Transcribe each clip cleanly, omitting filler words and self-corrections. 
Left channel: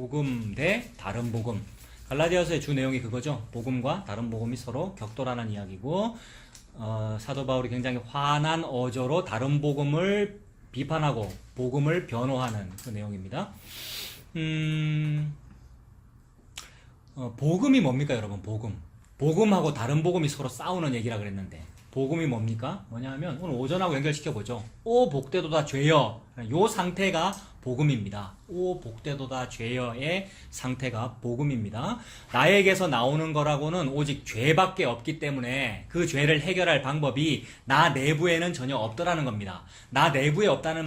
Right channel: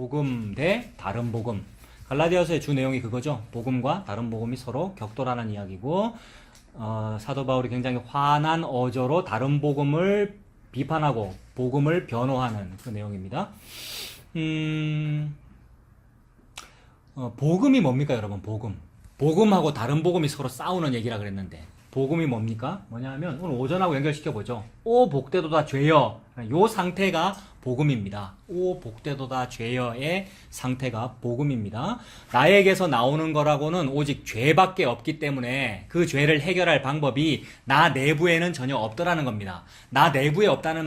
복음 대 다른 복음. 갈라디아서의 주 내용이 그거죠. 복음과 다른 복음이 서로 격돌하는 이야기고, 사도 바울이 굉장히 환한 어조로 다른 복음을 비판하고 복음을 변호하는 그 내용입니다. 복음이 뭡니까, 여러분? 복음하고 다른 복음이 서로 싸우는 얘기라 그랬는데, 복음이 뭡니까? 뭐냐면 오늘 오전하고 연결시켜보죠. 오 복되도다 죄여, 요 상태가 복음입니다. 오 복되도다 죄여의 상태가 복음입니다. 나에게서 나오는 거라고는 오직 죄밖에 없기 때문에 그 죄를 해결할 방법이 나 내부에는 전혀 없더라는 겁니다. 나 내부에 없다는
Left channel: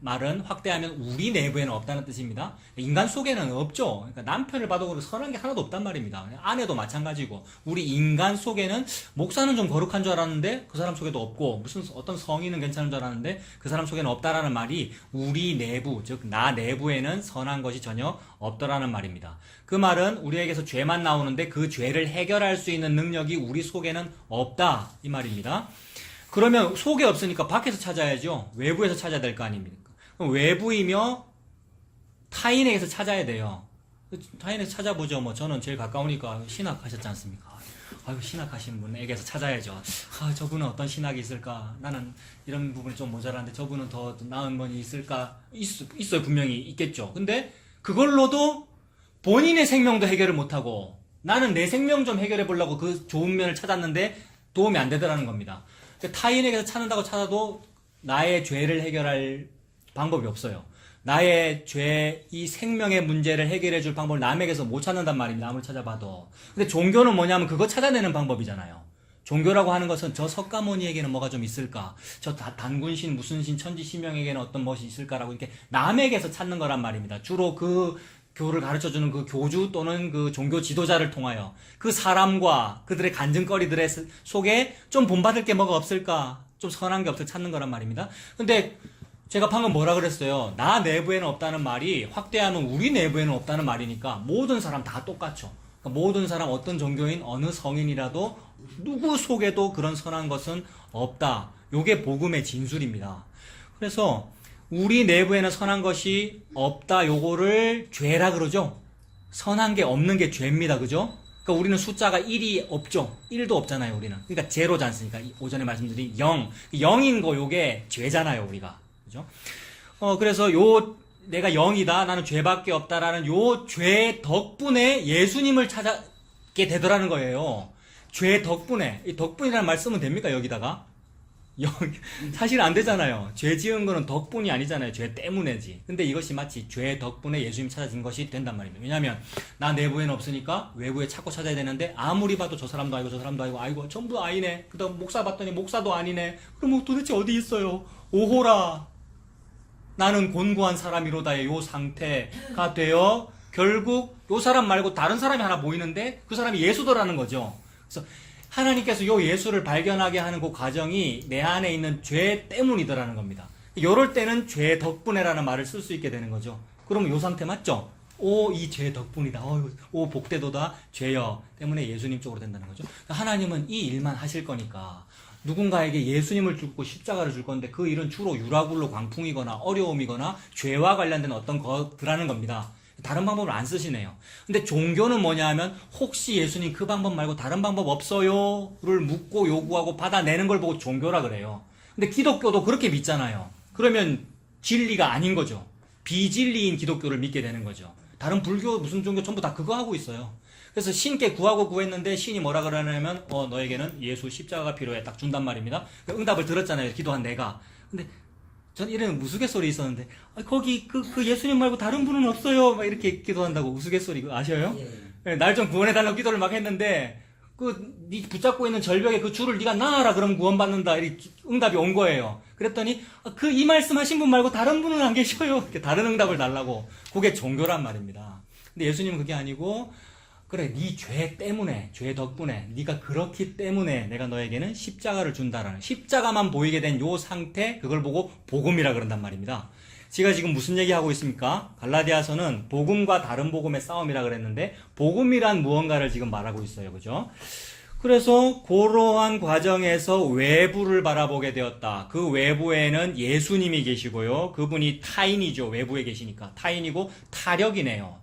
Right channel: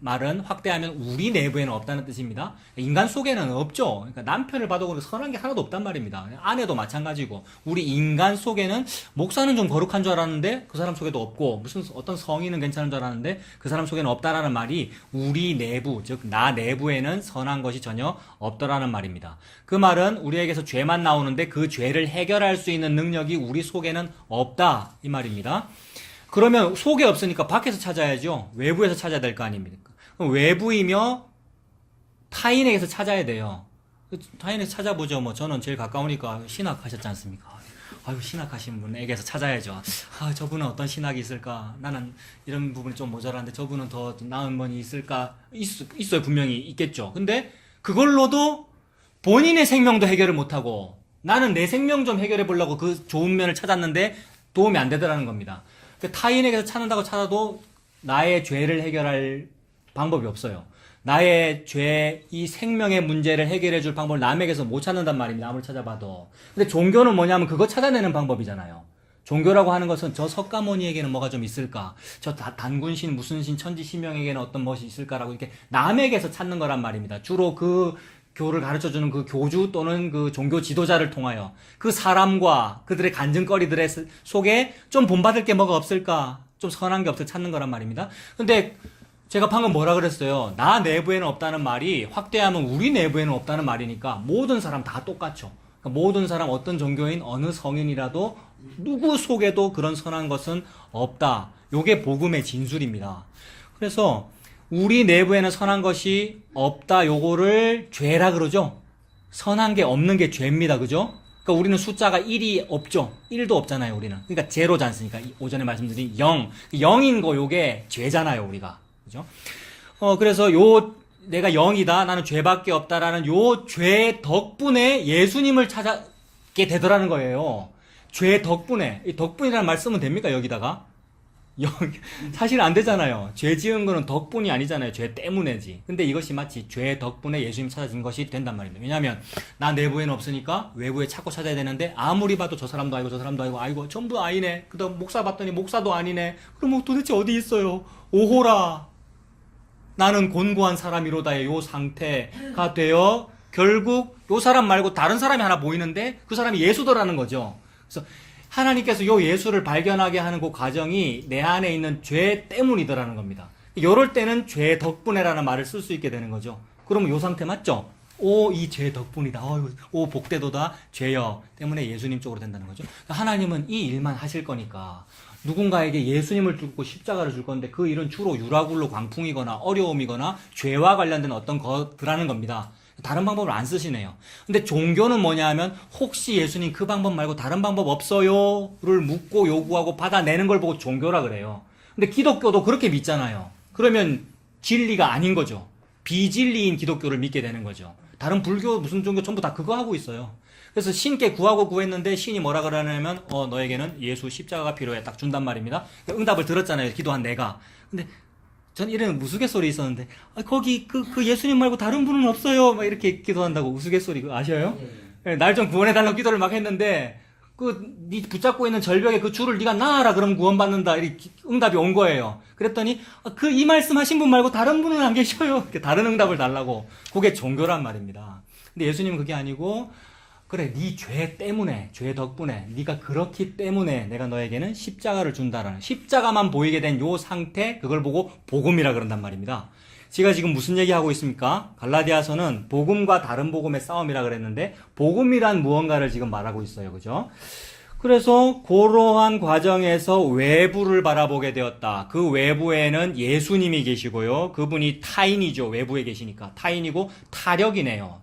말은 확대하면 우리 내부에는 없다는 뜻입니다. 인간 속에는 없죠. 그러니까 남편을 봐도 선한 게 하나도 없단 말입니다. 아내도 마찬가지고, 우리 인간 속에는 목사는 좀 거룩한 줄 알았는데 그 사람 속에도 없고, 무슨 어떤 성인은 괜찮은 줄 알았는데 그 사람 속에는 없다라는 말이 우리 내부, 즉 나 내부에는 선한 것이 전혀 없더라는 말입니다. 그 말은 우리에게서 죄만 나오는데 그 죄를 해결할 수 있는 능력이 우리 속에는 없다, 이 말입니다. 그러면 속에 없으니까 밖에서 찾아야죠. 외부에서 찾아야 될 거 아닙니까? 그럼 외부이며 타인에게서 찾아야 돼요. 타인에서 찾아보죠. 뭐 저는 제일 가까우니까 신학하셨지 않습니까? 아유, 신학하신 분에게서 찾아야죠. 저분은 어떤 신학이 있을까? 나는 이런 부분이 좀 모자란데 저분은 더 나은 분이 있을까? 있어요. 분명히 있겠죠. 근데 그걸로도 본인의 생명도 해결을 못하고, 나는 내 생명 좀 해결해 보려고 그 좋은 면을 찾았는데 도움이 안 되더라는 겁니다. 타인에게서 찾는다고 찾아도 나의 죄를 해결할 방법이 없어요. 나의 죄, 이 생명의 문제를 해결해 줄 방법을 남에게서 못 찾는단 말입니다. 아무리 찾아봐도. 근데 종교는 뭐냐면 그거 찾아내는 방법이잖아요. 종교라고 하는 것은 저 석가모니에게는 뭐가 좀 있을까? 저 단군신, 무슨 신, 천지신명에게는 어떤 것이 있을까라고 이렇게 남에게서 찾는 거란 말입니다. 주로 그 교를 가르쳐주는 그 교주 또는 그 종교 지도자를 통하여 그 사람과 그들의 간증거리들의 속에 좀 본받을 게 뭐가 없을까? 좀 선한 게 없을까 찾는 거란 말입니다. 근데 제가 방금 뭐라 그랬어요? 나 내부에는 없다는 말이 확대하면 우리 내부에는 없다는 말이니까 모든 사람 다 똑같죠. 그러니까 모든 사람, 어떤 종교인, 어느 성인이라도 누구 속에도 그런 선한 것은 없다. 요게 복음의 진술입니다. 그래서 우리 내부에는 선한 것이 없다, 요거를 죄라 그러죠. 선한 게 없는 게 죄입니다. 그죠? 그러니까 우리는 숫자가 1이 없죠. 1도 없잖아요, 우리는. 그러니까 제로지 않습니까? 오전에 말씀드린 0. 0인 거 요게 죄잖아요, 우리가. 그죠? 그래서 내가 0이다, 나는 죄밖에 없다라는 요 죄 덕분에 예수님을 찾게 되더라는 거예요. 죄 덕분에. 이 덕분이라는 말 쓰면 됩니까, 여기다가? 사실 안 되잖아요. 죄 지은 거는 덕분이 아니잖아요. 죄 때문에지. 근데 이것이 마치 죄 덕분에 예수님 찾아진 것이 된단 말입니다. 왜냐하면 나 내부에는 없으니까 외부에 찾고 찾아야 되는데, 아무리 봐도 저 사람도 아니고 저 사람도 아니고, 아이고 전부 아니네. 그다음 목사 봤더니 목사도 아니네. 그럼 도대체 어디 있어요? 오호라, 나는 곤고한 사람이로다의 요 상태가 되어 결국 요 사람 말고 다른 사람이 하나 보이는데 그 사람이 예수더라는 거죠. 그래서 하나님께서 요 예수를 발견하게 하는 그 과정이 내 안에 있는 죄 때문이더라는 겁니다. 요럴 때는 죄 덕분에라는 말을 쓸 수 있게 되는 거죠. 그러면 요 상태 맞죠? 이 죄 덕분이다. 오 복되도다 죄여 때문에 예수님 쪽으로 된다는 거죠. 하나님은 이 일만 하실 거니까 누군가에게 예수님을 주고 십자가를 줄 건데 그 일은 주로 유라굴로 광풍이거나 어려움이거나 죄와 관련된 어떤 것들하는 겁니다. 다른 방법을 안 쓰시네요. 근데 종교는 뭐냐 하면 혹시 예수님 그 방법 말고 다른 방법 없어요? 를 묻고 요구하고 받아내는 걸 보고 종교라 그래요. 근데 기독교도 그렇게 믿잖아요. 그러면 진리가 아닌 거죠. 비진리인 기독교를 믿게 되는 거죠. 다른 불교 무슨 종교 전부 다 그거 하고 있어요. 그래서 신께 구하고 구했는데 신이 뭐라 그러냐면 너에게는 예수 십자가가 필요해 딱 준단 말입니다. 응답을 들었잖아요. 기도한 내가. 근데 전 이런 우스갯소리 있었는데 거기 그 예수님 말고 다른 분은 없어요. 막 이렇게 기도한다고 우스갯소리 아셔요? 날 좀 구원해달라고 기도를 막 했는데 네 붙잡고 있는 절벽에 그 줄을 네가 놔라 그러면 구원받는다. 이렇게 응답이 온 거예요. 그랬더니 이 말씀하신 분 말고 다른 분은 안 계셔요. 이렇게 다른 응답을 달라고. 그게 종교란 말입니다. 근데 예수님은 그게 아니고 그래, 네 죄 때문에, 죄 덕분에, 네가 그렇기 때문에 내가 너에게는 십자가를 준다라는, 십자가만 보이게 된 요 상태, 그걸 보고 복음이라 그런단 말입니다. 제가 지금 무슨 얘기하고 있습니까? 갈라디아서는 복음과 다른 복음의 싸움이라 그랬는데 복음이란 무언가를 지금 말하고 있어요. 그죠? 그래서 그러한 과정에서 외부를 바라보게 되었다. 그 외부에는 예수님이 계시고요. 그분이 타인이죠. 외부에 계시니까. 타인이고 타력이네요.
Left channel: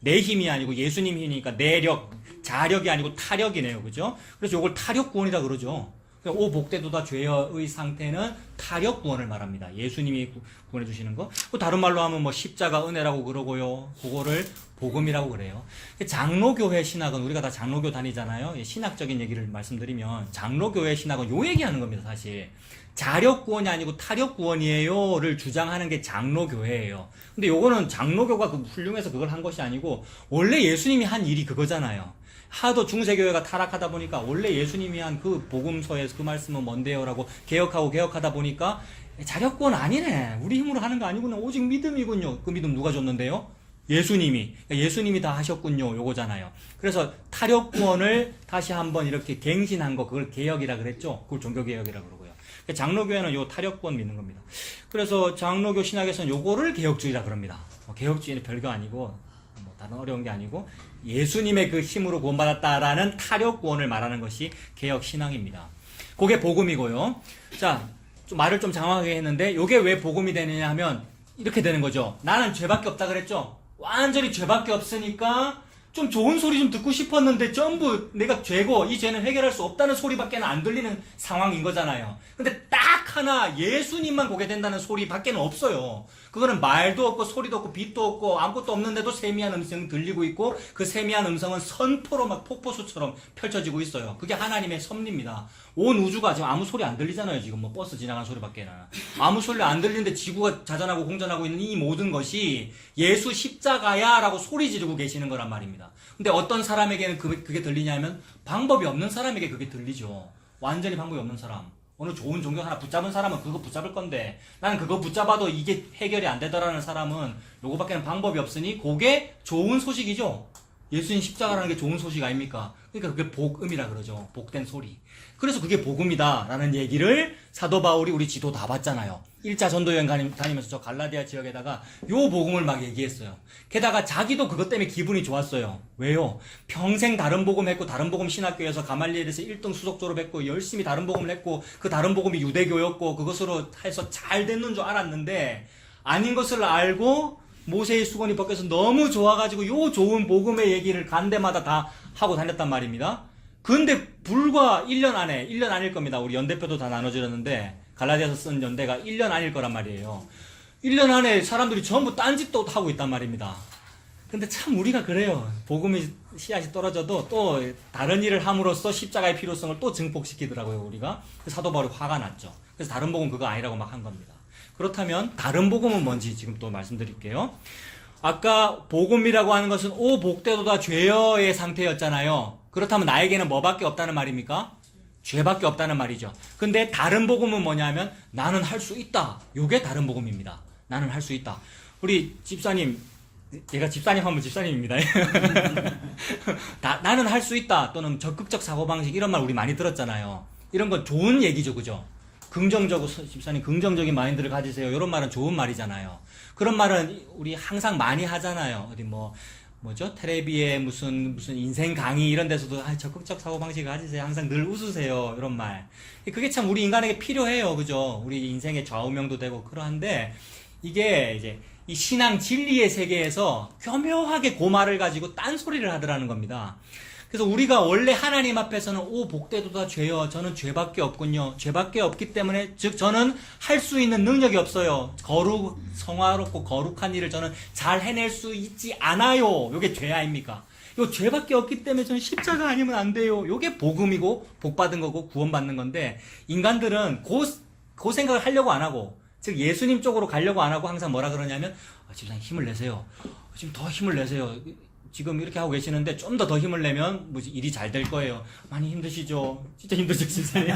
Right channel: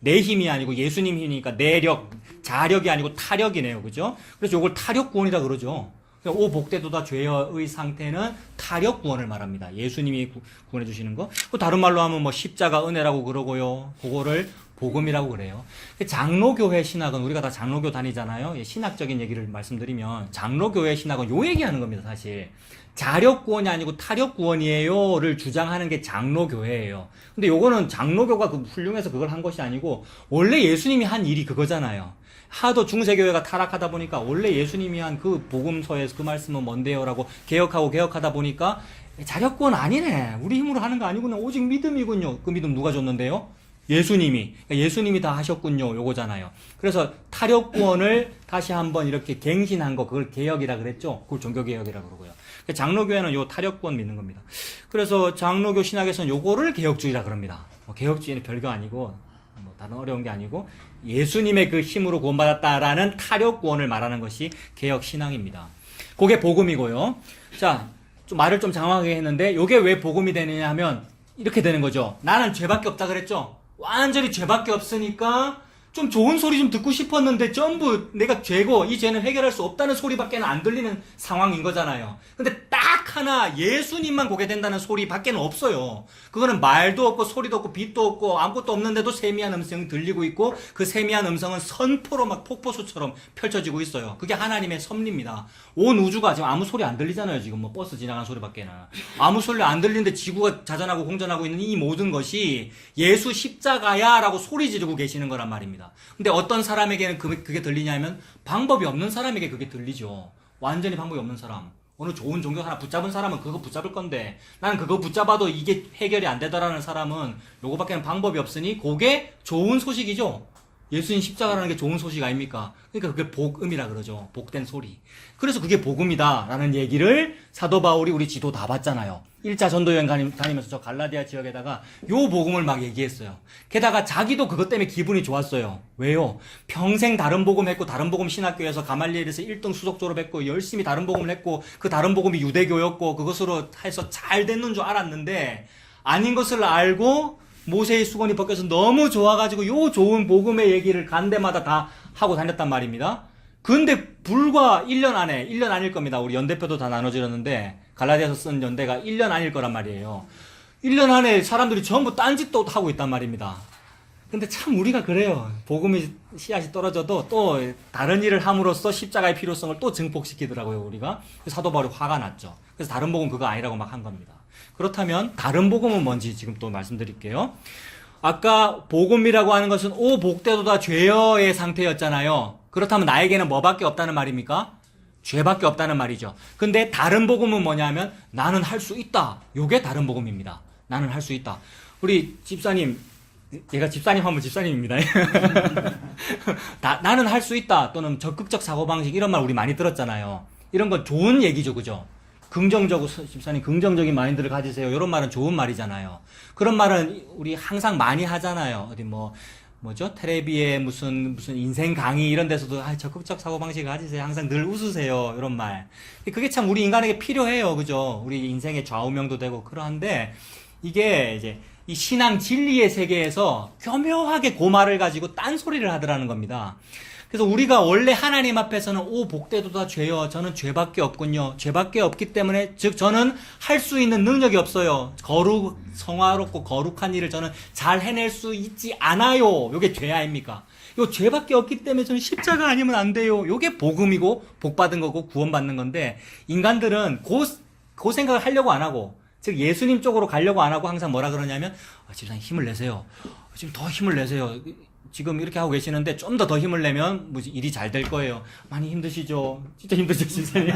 내 힘이 아니고 예수님 힘이니까 내력, 자력이 아니고 타력이네요. 그죠? 그래서 이걸 타력 구원이라 그러죠. 오 복되도다 죄의 상태는 타력 구원을 말합니다. 예수님이 구원해 주시는 거. 다른 말로 하면 뭐 십자가 은혜라고 그러고요. 그거를 복음이라고 그래요. 장로교회 신학은 우리가 다 장로교 다니잖아요. 신학적인 얘기를 말씀드리면 장로교회 신학은 요 얘기하는 겁니다. 사실 자력 구원이 아니고 타력 구원이에요를 주장하는 게 장로교회예요. 근데 요거는 장로교가 훌륭해서 그걸 한 것이 아니고 원래 예수님이 한 일이 그거잖아요. 하도 중세교회가 타락하다 보니까 원래 예수님이 한 그 복음서에서 그 말씀은 뭔데요라고 개혁하다 보니까 자력구원 아니네. 우리 힘으로 하는 거 아니구나. 오직 믿음이군요. 그 믿음 누가 줬는데요? 예수님이. 그러니까 예수님이 다 하셨군요. 요거잖아요. 그래서 타력구원을 다시 한번 이렇게 갱신한 거 그걸 개혁이라 그랬죠. 그걸 종교개혁이라 그러고요. 그러니까 장로교회는 요 타력구원 믿는 겁니다. 그래서 장로교 신학에서는 요거를 개혁주의라 그럽니다. 개혁주의는 별거 아니고 뭐 다른 어려운 게 아니고 예수님의 그 힘으로 구원받았다라는 타력 구원을 말하는 것이 개혁 신앙입니다. 그게 복음이고요. 자, 좀 말을 좀 장황하게 했는데 이게 왜 복음이 되느냐 하면 이렇게 되는 거죠. 나는 죄밖에 없다 그랬죠. 완전히 죄밖에 없으니까 좀 좋은 소리 좀 듣고 싶었는데 전부 내가 죄고 이 죄는 해결할 수 없다는 소리밖에는 안 들리는 상황인 거잖아요. 근데 딱 하나 예수님만 보게 된다는 소리밖에는 없어요. 그거는 말도 없고 소리도 없고 빛도 없고 아무것도 없는데도 세미한 음성이 들리고 있고 그 세미한 음성은 선포로 막 폭포수처럼 펼쳐지고 있어요. 그게 하나님의 섭리입니다. 온 우주가 지금 아무 소리 안 들리잖아요. 지금 뭐 버스 지나가는 소리밖에는 아무 소리 안 들리는데 지구가 자전하고 공전하고 있는 이 모든 것이 예수 십자가야 라고 소리 지르고 계시는 거란 말입니다. 근데 어떤 사람에게는 그게 들리냐면 방법이 없는 사람에게 그게 들리죠. 완전히 방법이 없는 사람. 어느 좋은 종교 하나 붙잡은 사람은 그거 붙잡을 건데 나는 그거 붙잡아도 이게 해결이 안 되더라는 사람은 요거밖에는 방법이 없으니 그게 좋은 소식이죠. 예수님 십자가라는 게 좋은 소식 아닙니까? 그러니까 그게 복음이라 그러죠. 복된 소리. 그래서 그게 복음이다 라는 얘기를 사도 바울이 우리 지도 다 봤잖아요. 1차 전도여행 다니면서 저 갈라디아 지역에다가 요 복음을 막 얘기했어요. 게다가 자기도 그것 때문에 기분이 좋았어요. 왜요? 평생 다른 복음 했고 다른 복음 신학교에서 가말리엘에서 1등 수석 졸업했고 열심히 다른 복음을 했고 그 다른 복음이 유대교였고 그것으로 해서 잘 됐는 줄 알았는데 아닌 것을 알고 모세의 수건이 벗겨서 너무 좋아가지고 요 좋은 복음의 얘기를 간 데마다 다 하고 다녔단 말입니다. 근데 불과 1년 안에 1년 아닐 겁니다. 우리 연대표도 다 나눠지렸는데 갈라디아서 쓴 연대가 1년 아닐 거란 말이에요. 1년 안에 사람들이 전부 딴짓도 하고 있단 말입니다. 근데 참 우리가 그래요. 복음의 씨앗이 떨어져도 또 다른 일을 함으로써 십자가의 필요성을 또 증폭시키더라고요. 우리가. 사도 바울이 화가 났죠. 그래서 다른 복음 그거 아니라고 막 한 겁니다. 그렇다면 다른 복음은 뭔지 지금 또 말씀드릴게요. 아까 복음이라고 하는 것은 오 복되도다 죄여의 상태였잖아요. 그렇다면 나에게는 뭐밖에 없다는 말입니까? 죄밖에 없다는 말이죠. 근데 다른 복음은 뭐냐면 나는 할 수 있다. 요게 다른 복음입니다. 나는 할 수 있다. 우리 집사님, 얘가 집사님 하면 집사님입니다. 나는 할 수 있다. 또는 적극적 사고방식 이런 말 우리 많이 들었잖아요. 이런 건 좋은 얘기죠. 그죠? 긍정적으로 집사님 긍정적인 마인드를 가지세요. 이런 말은 좋은 말이잖아요. 그런 말은 우리 항상 많이 하잖아요. 어디 뭐죠? 텔레비에 무슨 인생 강의 이런 데서도 적극적 사고방식 가지세요. 항상 늘 웃으세요. 이런 말. 그게 참 우리 인간에게 필요해요. 그죠? 우리 인생의 좌우명도 되고 그러한데 이게 이제 이 신앙 진리의 세계에서 교묘하게 그 말을 가지고 딴소리를 하더라는 겁니다. 그래서 우리가 원래 하나님 앞에서는 오 복되도다 죄여 저는 죄밖에 없군요. 죄밖에 없기 때문에 즉 저는 할 수 있는 능력이 없어요. 성화롭고 거룩한 일을 저는 잘 해낼 수 있지 않아요. 요게 죄 아닙니까? 요 죄밖에 없기 때문에 저는 십자가 아니면 안 돼요. 요게 복음이고 복받은 거고 구원받는 건데 인간들은 그 생각을 하려고 안 하고 즉 예수님 쪽으로 가려고 안 하고 항상 뭐라 그러냐면 집사님 힘을 내세요. 지금 더 힘을 내세요. 지금 이렇게 하고 계시는데 좀 더 힘을 내면 일이 잘 될 거예요. 많이 힘드시죠? 진짜 힘드시죠, 집사님?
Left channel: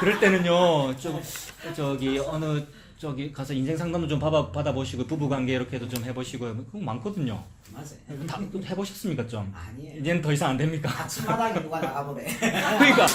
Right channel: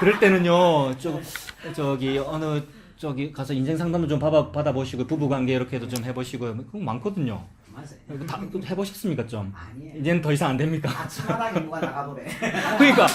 그럴 때는요, 저기 가서 인생 상담도 좀 받아보시고 부부관계 이렇게도 좀 해보시고 그거 많거든요. 맞아요. 다 해보셨습니까 좀? 아니에요. 이제는 더 이상 안 됩니까? 아침마당에 누가 나가보래. 그러니까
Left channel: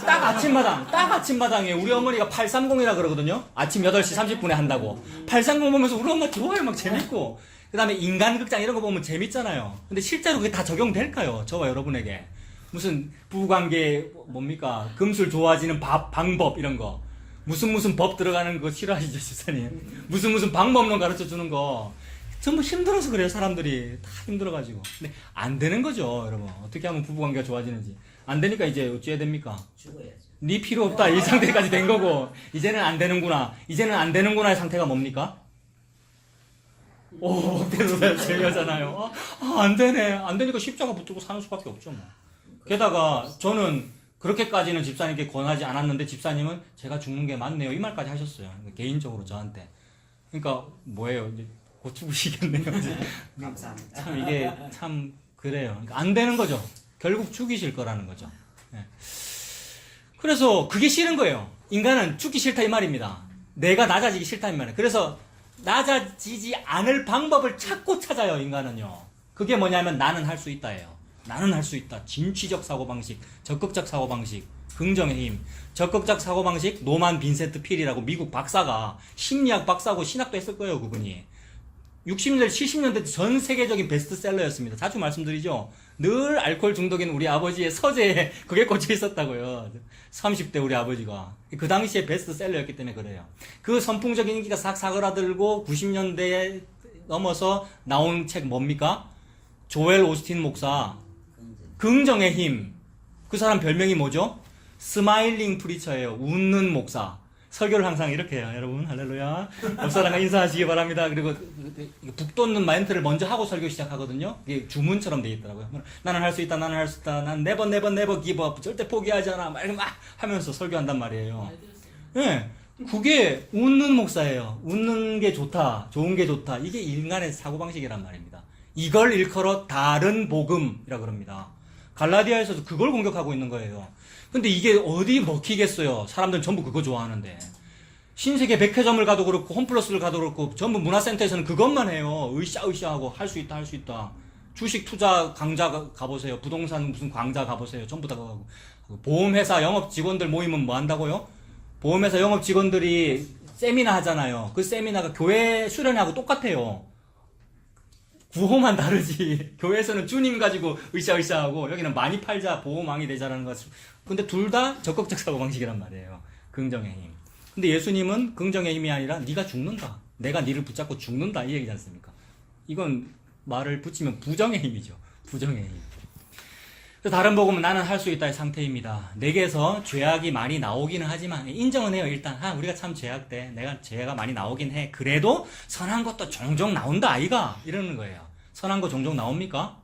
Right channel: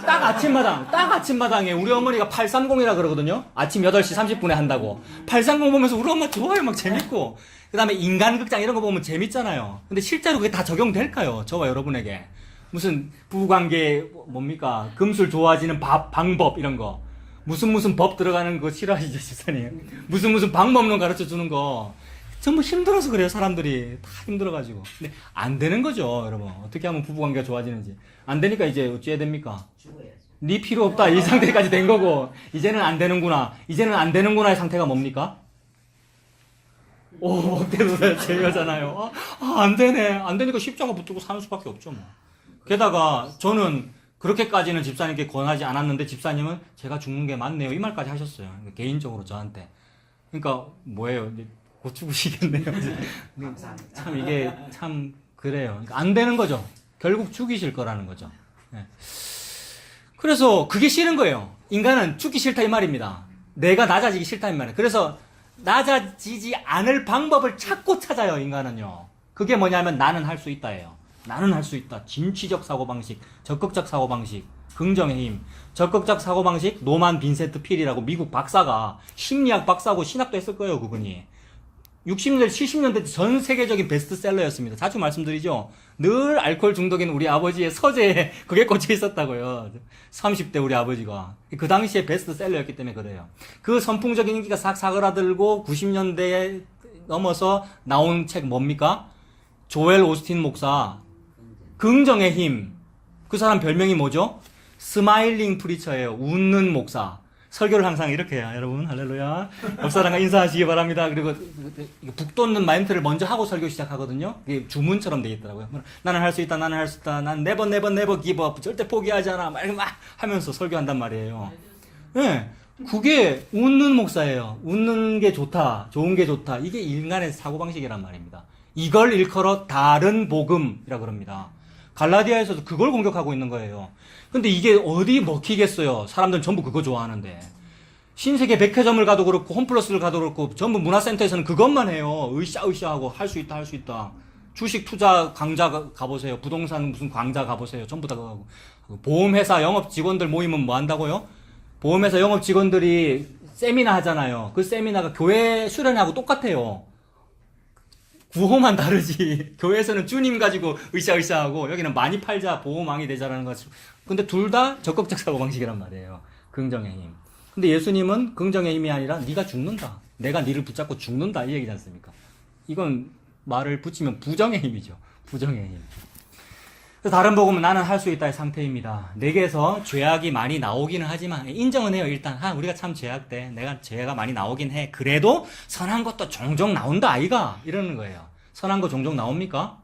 딱 아침마당에 우리 어머니가 830이라 그러거든요. 아침 8시 30분에 한다고. 830 보면서 우리 엄마 좋아요, 막 재밌고. 그 다음에 인간극장 이런 거 보면 재밌잖아요. 근데 실제로 그게 다 적용될까요? 저와 여러분에게. 무슨 부부관계 뭡니까? 금술 좋아지는 방법 이런 거. 무슨 법 들어가는 거 싫어하시죠, 세상에. 무슨 방법론 가르쳐 주는 거. 전부 힘들어서 그래요, 사람들이. 다 힘들어가지고. 근데 안 되는 거죠, 여러분. 어떻게 하면 부부관계가 좋아지는지. 안 되니까 이제 어찌해야 됩니까? 죽어야지. 네 필요 없다. 이 상태까지 된 거고. 이제는 안 되는구나. 이제는 안 되는구나의 상태가 뭡니까? 오, 복대도다 중요하잖아요. 안 되네. 안 되니까 십자가 붙들고 사는 수밖에 없죠, 뭐. 게다가 저는 그렇게까지는 집사님께 권하지 않았는데 집사님은 제가 죽는 게 맞네요. 이 말까지 하셨어요. 개인적으로 저한테. 그러니까 뭐예요? 이제 곧 죽으시겠네요. 감사합니다. 참 이게 참 그래요. 그러니까 안 되는 거죠. 결국 죽이실 거라는 거죠. 네. 그래서 그게 싫은 거예요. 인간은 죽기 싫다 이 말입니다. 내가 낮아지기 싫다 이 말이에요. 그래서 낮아지지 않을 방법을 찾고 찾아요, 인간은요. 그게 뭐냐면 나는 할 수 있다예요. 나는 할 수 있다. 진취적 사고방식, 적극적 사고방식, 긍정의 힘. 적극적 사고방식 노만 빈센트 필이라고 미국 박사가 심리학 박사고 신학도 했을 거예요, 그분이. 60년대, 70년대 전 세계적인 베스트셀러였습니다. 자주 말씀드리죠. 늘 알코올 중독인 우리 아버지의 서재에 그게 꽂혀 있었다고요. 30대 우리 아버지가. 그 당시에 베스트셀러였기 때문에 그래요. 그 선풍적인 인기가 싹 사그라들고 90년대에 넘어서 나온 책 뭡니까? 조엘 오스틴 목사 긍정의 힘. 그 사람 별명이 뭐죠? 스마일링 프리처예요. 웃는 목사. 설교를 항상 이렇게 해요. 여러분 할렐루야. 옆 사람과 인사하시기 바랍니다. 그리고 북돋는 멘트를 먼저 하고 설교 시작하거든요. 이게 주문처럼 되어 있더라고요. 나는 할 수 있다. 나는 할 수 있다. 난 never give up. 절대 포기하지 않아. 막 하면서 설교한단 말이에요. 네, 그게 웃는 목사예요. 웃는 게 좋다. 좋은 게 좋다. 이게 인간의 사고방식이란 말입니다. 이걸 일컬어 다른 복음이라고 그럽니다. 갈라디아에서도 그걸 공격하고 있는 거예요. 근데 이게 어디 먹히겠어요. 사람들은 전부 그거 좋아하는데. 신세계 백화점을 가도 그렇고 홈플러스를 가도 그렇고 전부 문화센터에서는 그것만 해요. 으쌰으쌰하고 할 수 있다 할 수 있다. 주식 투자 강좌 가보세요. 부동산 무슨 강좌 가보세요. 전부 다 그거 하고. 보험회사 영업 직원들 모이면 뭐 한다고요? 보험회사 영업 직원들이 세미나 하잖아요. 그 세미나가 교회 수련회하고 똑같아요. 구호만 다르지. 교회에서는 주님 가지고 으쌰으쌰하고 여기는 많이 팔자 보호망이 되자라는 것을. 근데 둘 다 적극적 사고방식이란 말이에요. 긍정의 힘. 근데 예수님은 긍정의 힘이 아니라 네가 죽는다. 내가 네를 붙잡고 죽는다. 이 얘기지 않습니까? 이건 말을 붙이면 부정의 힘이죠. 부정의 힘. 다른 복음은 나는 할 수 있다의 상태입니다. 내게서 죄악이 많이 나오기는 하지만 인정은 해요. 일단 우리가 참 죄악돼. 내가 죄가 많이 나오긴 해. 그래도 선한 것도 종종 나온다 아이가 이러는 거예요. 선한 거 종종 나옵니까?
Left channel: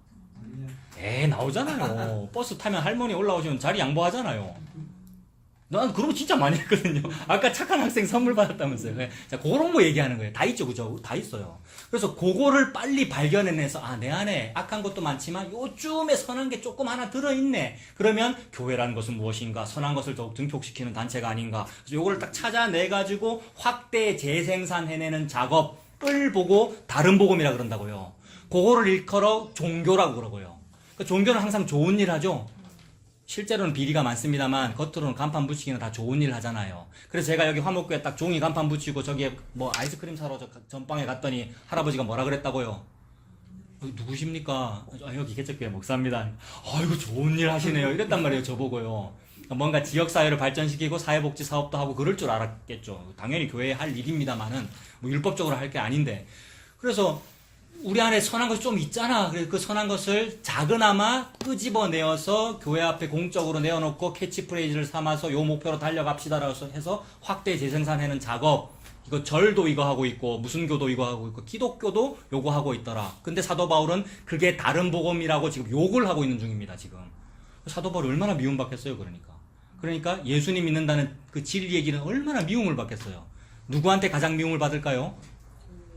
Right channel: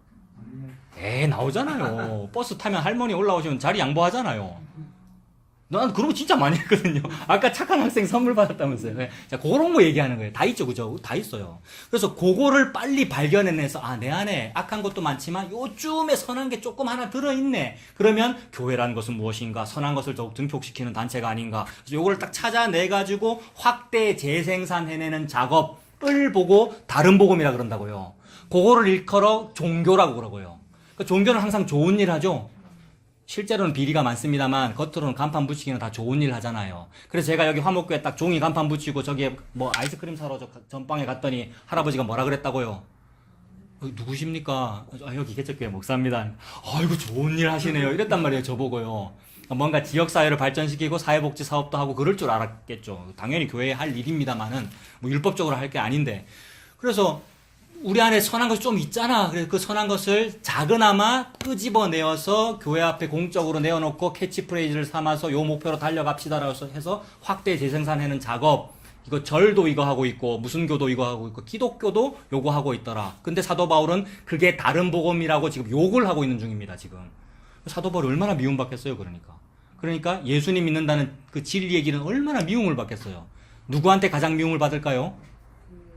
나오잖아요. 버스 타면 할머니 올라오시면 자리 양보하잖아요. 난 그런 거 진짜 많이 했거든요. 아까 착한 학생 선물 받았다면서요. 네. 자, 그런 거 얘기하는 거예요. 다 있죠, 그죠? 다 있어요. 그래서 그거를 빨리 발견해내서, 내 안에 악한 것도 많지만 요쯤에 선한 게 조금 하나 들어있네. 그러면 교회라는 것은 무엇인가? 선한 것을 더욱 증폭시키는 단체가 아닌가? 그래서 요거를 딱 찾아내가지고 확대 재생산해내는 작업을 보고 다른 복음이라 그런다고요. 그거를 일컬어 종교라고 그러고요. 그러니까 종교는 항상 좋은 일 하죠? 실제로는 비리가 많습니다만 겉으로는 간판 붙이기는 다 좋은 일 하잖아요. 그래서 제가 여기 화목교에 딱 종이 간판 붙이고 저기에 뭐 아이스크림 사러 전방에 갔더니 할아버지가 뭐라 그랬다고요? 누구십니까? 여기 개척교회 목사입니다. 이거 좋은 일 하시네요. 이랬단 말이에요. 저보고요. 뭔가 지역사회를 발전시키고 사회복지 사업도 하고 그럴 줄 알았겠죠. 당연히 교회에 할 일입니다만은 뭐 율법적으로 할 게 아닌데. 그래서 우리 안에 선한 것이 좀 있잖아. 그래서 그 선한 것을 작은아마 끄집어내어서 교회 앞에 공적으로 내어놓고 캐치프레이즈를 삼아서 요 목표로 달려갑시다라고 해서 확대 재생산하는 작업. 이거 절도 이거 하고 있고 무슨 교도 이거 하고 있고 기독교도 요거 하고 있더라. 근데 사도 바울은 그게 다른 복음이라고 지금 욕을 하고 있는 중입니다. 지금 사도 바울 얼마나 미움받겠어요. 그러니까 예수님 믿는다는 그 진리 얘기는 얼마나 미움을 받겠어요. 누구한테 가장 미움을 받을까요?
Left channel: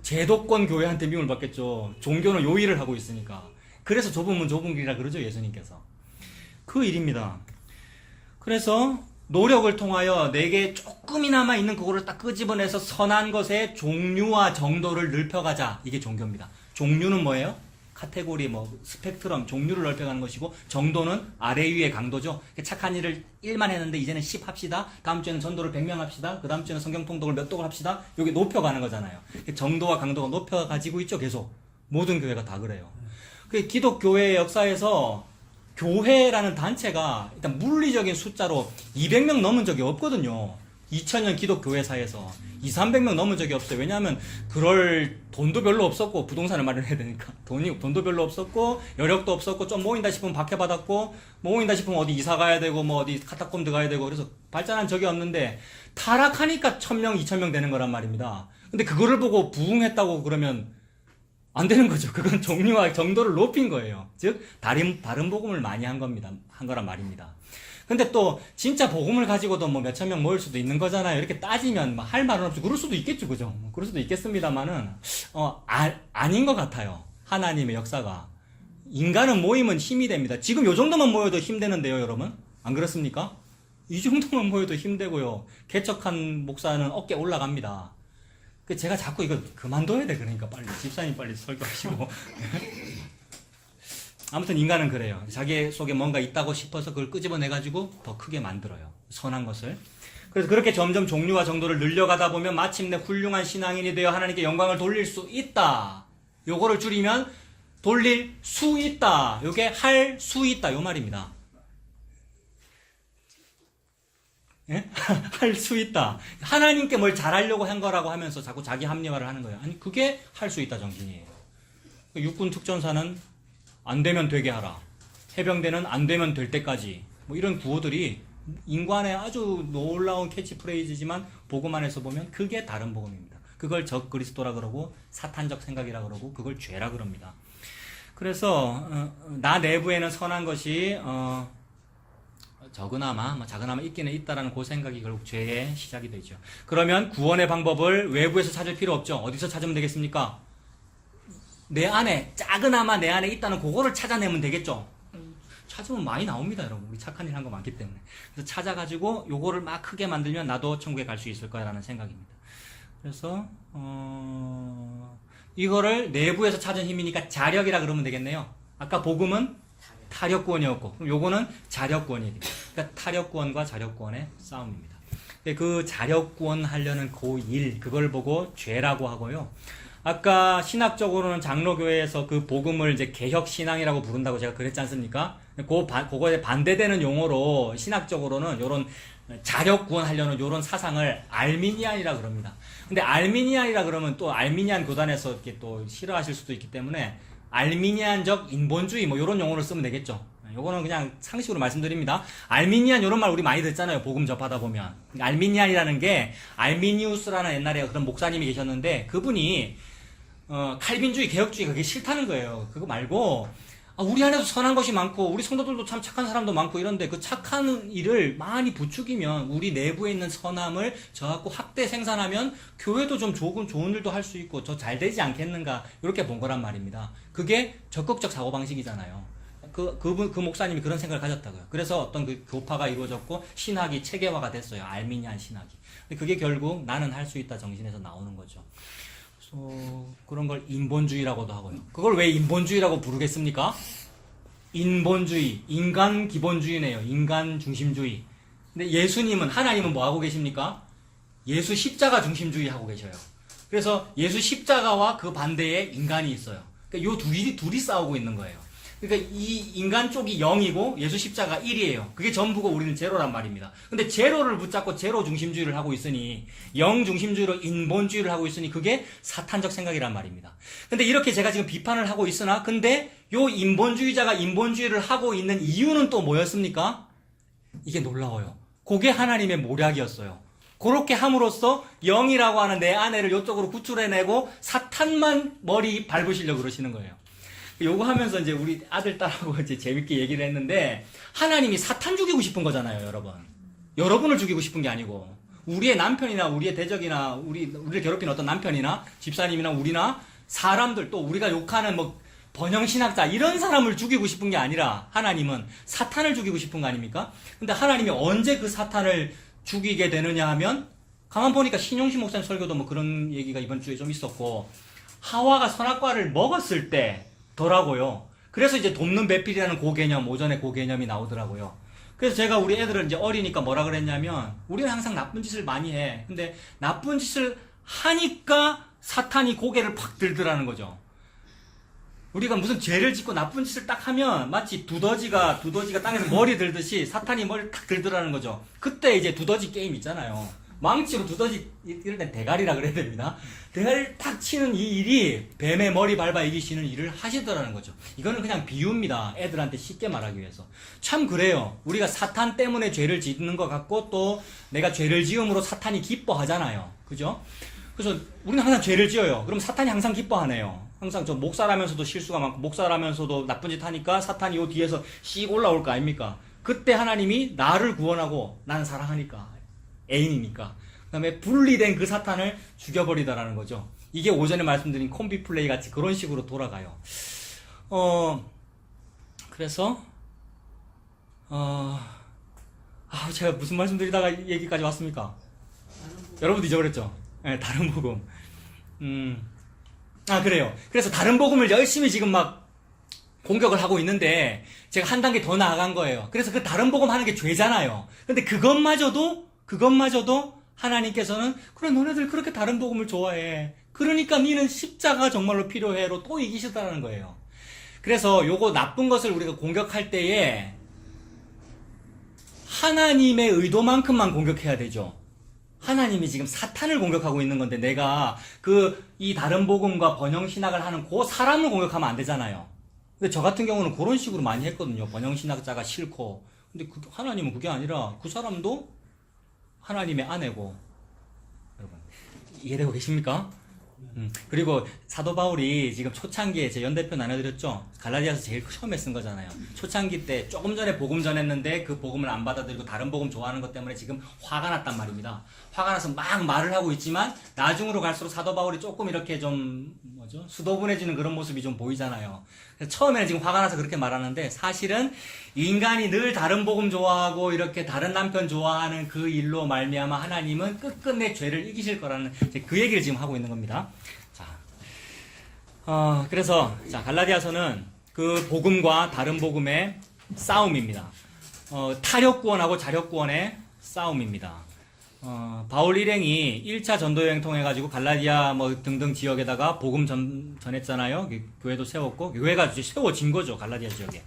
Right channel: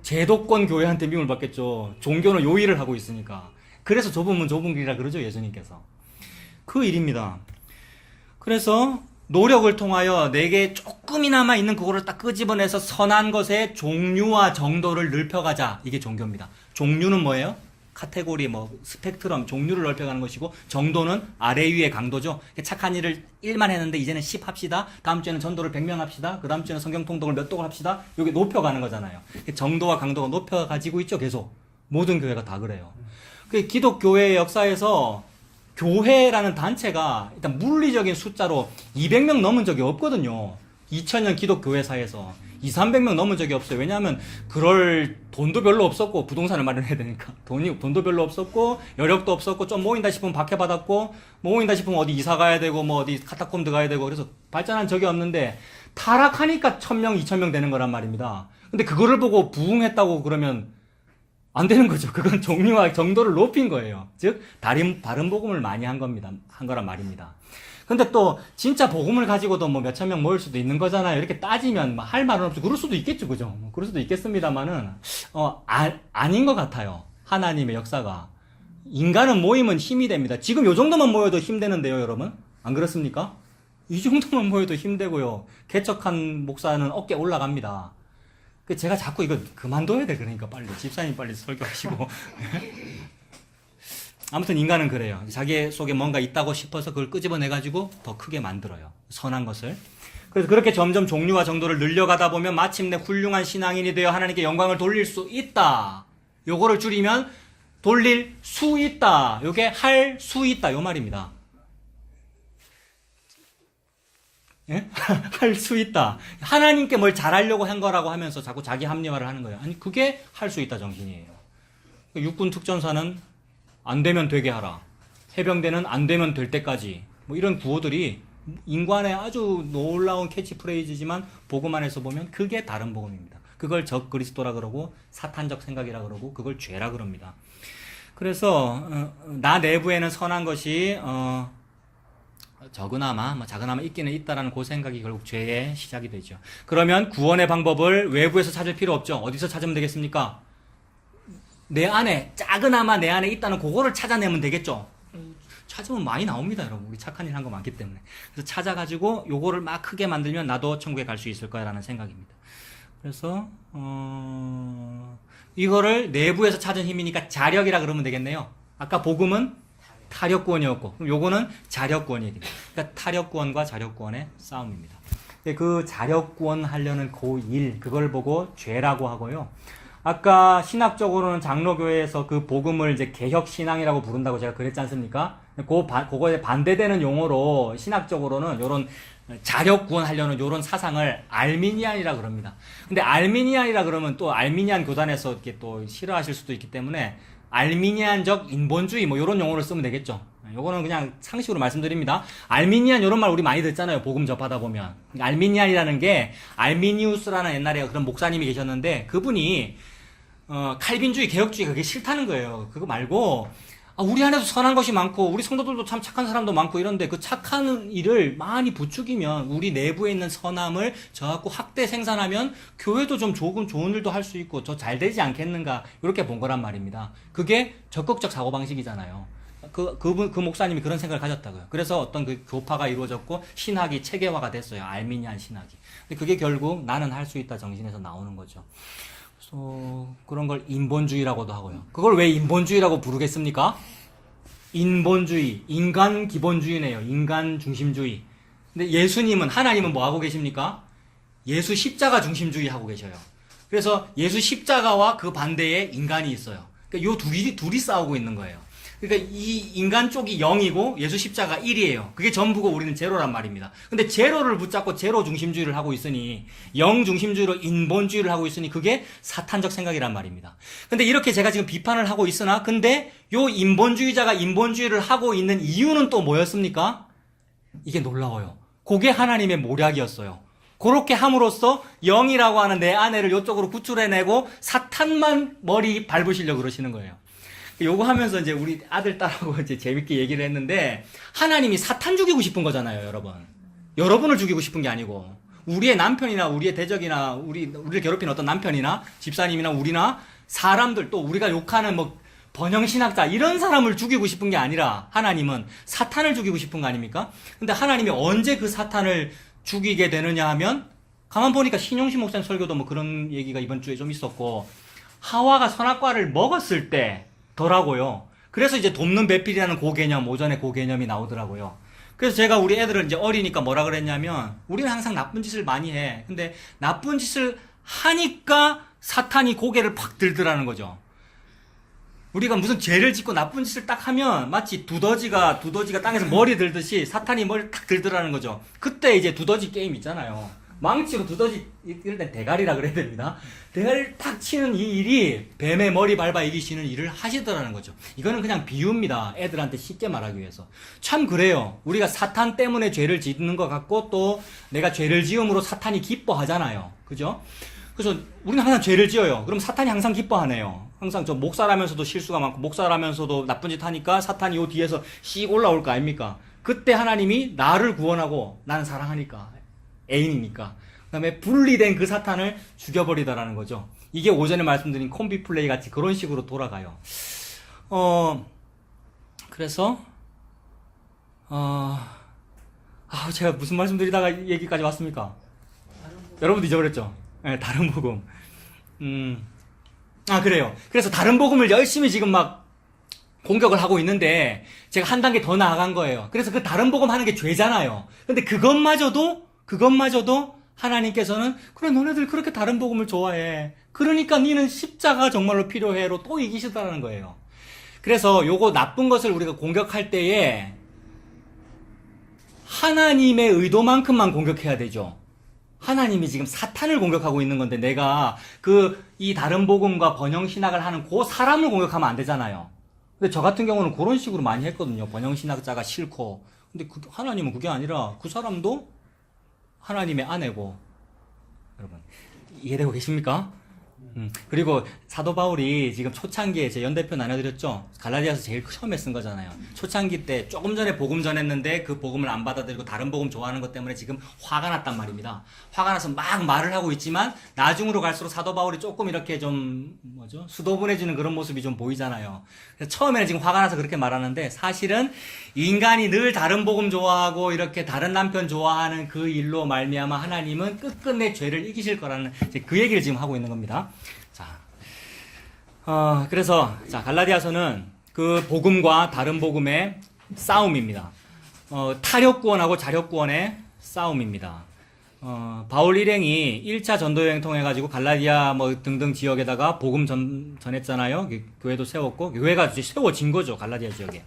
제도권 교회한테 미움을 받겠죠. 종교는 요 일을 하고 있으니까. 그래서 좁은 문 좁은 길이라 그러죠. 예수님께서. 그 일입니다. 그래서 노력을 통하여 내게 조금이나마 있는 그거를 딱 끄집어내서 선한 것의 종류와 정도를 넓혀가자. 이게 종교입니다. 종류는 뭐예요? 카테고리, 스펙트럼, 종류를 넓혀가는 것이고, 정도는 아래 위의 강도죠. 착한 일을 1만 했는데, 이제는 10 합시다. 다음 주에는 전도를 100명 합시다. 그 다음 주에는 성경 통독을 몇 독을 합시다. 여기 높여가는 거잖아요. 정도와 강도가 높여가지고 있죠, 계속. 모든 교회가 다 그래요. 기독교회의 역사에서 교회라는 단체가 일단 물리적인 숫자로 200명 넘은 적이 없거든요. 2000년 기독교회사에서 200~300명 넘은 적이 없어요. 왜냐하면 그럴 돈도 별로 없었고 부동산을 마련해야 되니까 돈도 별로 없었고 여력도 없었고 좀 모인다 싶으면 박해받았고 모인다 싶으면 어디 이사 가야 되고 뭐 어디 카타콤드 가야 되고 그래서 발전한 적이 없는데 타락하니까 1000명, 2000명 되는 거란 말입니다. 근데 그거를 보고 부흥했다고 그러면 안 되는 거죠. 그건 종류와 정도를 높인 거예요. 즉 다른 복음을 많이 한 거란 말입니다. 근데 또 진짜 복음을 가지고도 뭐 몇천 명 모일 수도 있는 거잖아요. 이렇게 따지면 할 말은 없죠. 그럴 수도 있겠죠, 그죠? 뭐 그럴 수도 있겠습니다만은 아닌 것 같아요. 하나님의 역사가 인간은 모이면 힘이 됩니다. 지금 요 정도만 모여도 힘되는데요, 여러분. 안 그렇습니까? 이 정도만 모여도 힘되고요. 개척한 목사는 어깨 올라갑니다. 제가 자꾸 이거 그만둬야 돼. 그러니까 빨리 집사님 빨리 설교하시고. 아무튼 인간은 그래요. 자기 속에 뭔가 있다고 싶어서 그걸 끄집어내가지고 더 크게 만들어요. 선한 것을. 그래서 그렇게 점점 종류와 정도를 늘려가다 보면 마침내 훌륭한 신앙인이 되어 하나님께 영광을 돌릴 수 있다. 요거를 줄이면 돌릴 수 있다. 요게 할 수 있다. 요 말입니다. 예? 할 수 있다. 하나님께 뭘 잘하려고 한 거라고 하면서 자꾸 자기 합리화를 하는 거예요. 아니, 그게 할 수 있다 정신이에요. 육군 특전사는 안 되면 되게 하라. 해병대는 안 되면 될 때까지. 뭐 이런 구호들이 인간의 아주 놀라운 캐치프레이즈지만 복음 안에서 보면 그게 다른 복음입니다. 그걸 적 그리스도라 그러고 사탄적 생각이라 그러고 그걸 죄라 그럽니다. 그래서 나 내부에는 선한 것이 적으나마 작으나마 있기는 있다라는 그 생각이 결국 죄의 시작이 되죠. 그러면 구원의 방법을 외부에서 찾을 필요 없죠. 어디서 찾으면 되겠습니까? 내 안에 작으나마 내 안에 있다는 그거를 찾아내면 되겠죠. 찾으면 많이 나옵니다, 여러분. 우리 착한 일 한 거 많기 때문에. 그래서 찾아가지고 요거를 막 크게 만들면 나도 천국에 갈 수 있을 거야라는 생각입니다. 그래서 이거를 내부에서 찾은 힘이니까 자력이라 그러면 되겠네요. 아까 복음은 타력구원이었고 그럼 요거는 자력구원입니다. 그러니까 타력구원과 자력구원의 싸움입니다. 그 자력구원 하려는 그 일, 그걸 보고 죄라고 하고요. 아까 신학적으로는 장로교회에서 그 복음을 이제 개혁신앙이라고 부른다고 제가 그랬지 않습니까? 그거에 반대되는 용어로 신학적으로는 요런 자력구원 하려는 요런 사상을 알미니안이라 그럽니다. 근데 알미니안이라 그러면 또 알미니안 교단에서 이렇게 또 싫어하실 수도 있기 때문에 알미니안적 인본주의 뭐 요런 용어를 쓰면 되겠죠. 요거는 그냥 상식으로 말씀드립니다. 알미니안 요런 말 우리 많이 듣잖아요. 복음 접하다 보면. 알미니안이라는 게 알미니우스라는 옛날에 그런 목사님이 계셨는데 그분이 칼빈주의, 개혁주의 그게 싫다는 거예요. 그거 말고 우리 안에도 선한 것이 많고 우리 성도들도 참 착한 사람도 많고 이런데 그 착한 일을 많이 부추기면 우리 내부에 있는 선함을 저하고 확대 생산하면 교회도 좀 좋은 일도 할 수 있고 더 잘 되지 않겠는가 이렇게 본 거란 말입니다. 그게 적극적 사고방식이잖아요. 그 목사님이 그런 생각을 가졌다고요. 그래서 어떤 그 교파가 이루어졌고 신학이 체계화가 됐어요. 알미니안 신학이. 근데 그게 결국 나는 할 수 있다 정신에서 나오는 거죠. 그런 걸 인본주의라고도 하고요. 그걸 왜 인본주의라고 부르겠습니까? 인본주의, 인간 기본주의네요. 인간 중심주의. 근데 예수님은, 하나님은 뭐 하고 계십니까? 예수 십자가 중심주의 하고 계셔요. 그래서 예수 십자가와 그 반대에 인간이 있어요. 그러니까 요 둘이 싸우고 있는 거예요. 그러니까 이 인간 쪽이 0이고 예수 십자가 1이에요. 그게 전부고 우리는 제로란 말입니다. 근데 제로를 붙잡고 제로 중심주의를 하고 있으니 0 중심주의로 인본주의를 하고 있으니 그게 사탄적 생각이란 말입니다. 근데 이렇게 제가 지금 비판을 하고 있으나 근데 요 인본주의자가 인본주의를 하고 있는 이유는 또 뭐였습니까? 이게 놀라워요. 그게 하나님의 모략이었어요. 그렇게 함으로써 0이라고 하는 내 아내를 이쪽으로 구출해내고 사탄만 머리 밟으시려고 그러시는 거예요. 요거 하면서 이제 우리 아들, 딸하고 이제 재밌게 얘기를 했는데, 하나님이 사탄 죽이고 싶은 거잖아요, 여러분. 여러분을 죽이고 싶은 게 아니고, 우리의 남편이나 우리의 대적이나, 우리를 괴롭히는 어떤 남편이나, 집사님이나 우리나, 사람들 또 우리가 욕하는 뭐, 번영신학자, 이런 사람을 죽이고 싶은 게 아니라, 하나님은 사탄을 죽이고 싶은 거 아닙니까? 근데 하나님이 언제 그 사탄을 죽이게 되느냐 하면, 가만 보니까 신용식 목사님 설교도 뭐 그런 얘기가 이번 주에 좀 있었고, 하와가 선악과를 먹었을 때, 더라고요. 그래서 이제 돕는 배필이라는 고개념, 오전에 고개념이 나오더라고요. 그래서 제가 우리 애들은 이제 어리니까 뭐라 그랬냐면, 우리는 항상 나쁜 짓을 많이 해. 근데 나쁜 짓을 하니까 사탄이 고개를 팍 들더라는 거죠. 우리가 무슨 죄를 짓고 나쁜 짓을 딱 하면 마치 두더지가 땅에서 머리 들듯이 사탄이 머리를 탁 들더라는 거죠. 그때 이제 두더지 게임 있잖아요. 망치로 두더지, 이럴 땐 대가리라 그래야 됩니다. 대가리를 탁 치는 이 일이 뱀의 머리 밟아 이기시는 일을 하시더라는 거죠. 이거는 그냥 비유입니다. 애들한테 쉽게 말하기 위해서. 참 그래요. 우리가 사탄 때문에 죄를 짓는 것 같고 또 내가 죄를 지음으로 사탄이 기뻐하잖아요. 그죠? 그래서 우리는 항상 죄를 지어요. 그럼 사탄이 항상 기뻐하네요. 항상 저 목사라면서도 실수가 많고 목사라면서도 나쁜 짓 하니까 사탄이 요 뒤에서 씩 올라올 거 아닙니까? 그때 하나님이 나를 구원하고 나는 사랑하니까 애인이니까 그 다음에 분리된 그 사탄을 죽여버리더라는 거죠. 이게 오전에 말씀드린 콤비 플레이 같이 그런 식으로 돌아가요. 그래서 제가 무슨 말씀 드리다가 이 얘기까지 왔습니까? 여러분도 잊어버렸죠? 네, 다른 복음. 그래요. 그래서 다른 복음을 열심히 지금 막 공격을 하고 있는데 제가 한 단계 더 나아간 거예요. 그래서 그 다른 복음 하는 게 죄잖아요. 근데 그것마저도 하나님께서는 그래 너네들 그렇게 다른 복음을 좋아해. 그러니까 니는 십자가 정말로 필요해로 또 이기시다라는 거예요. 그래서 요거 나쁜 것을 우리가 공격할 때에 하나님의 의도만큼만 공격해야 되죠. 하나님이 지금 사탄을 공격하고 있는 건데 내가 이 다른 복음과 번영신학을 하는 그 사람을 공격하면 안 되잖아요. 근데 저 같은 경우는 그런 식으로 많이 했거든요. 번영신학자가 싫고. 근데 하나님은 그게 아니라 그 사람도 하나님의 아내고. 여러분, 이해되고 계십니까? 그리고 사도 바울이 지금 초창기에 제 연대표 나눠드렸죠? 갈라디아서 제일 처음에 쓴 거잖아요. 초창기 때 조금 전에 복음 전했는데 그 복음을 안 받아들이고 다른 복음 좋아하는 것 때문에 지금 화가 났단 말입니다. 화가 나서 막 말을 하고 있지만 나중으로 갈수록 사도 바울이 조금 이렇게 좀 수도분해지는 그런 모습이 좀 보이잖아요. 그래서 처음에는 지금 화가 나서 그렇게 말하는데 사실은 인간이 늘 다른 복음 좋아하고 이렇게 다른 남편 좋아하는 그 일로 말미암아 하나님은 끝끝내 죄를 이기실 거라는 그 얘기를 지금 하고 있는 겁니다. 그래서 갈라디아서는 그 복음과 다른 복음의 싸움입니다. 타력구원하고 자력구원의 싸움입니다. 바울 일행이 1차 전도여행 통해가지고 갈라디아 등등 지역에다가 복음 전했잖아요. 교회도 세웠고, 교회가 이제 세워진 거죠. 갈라디아 지역에.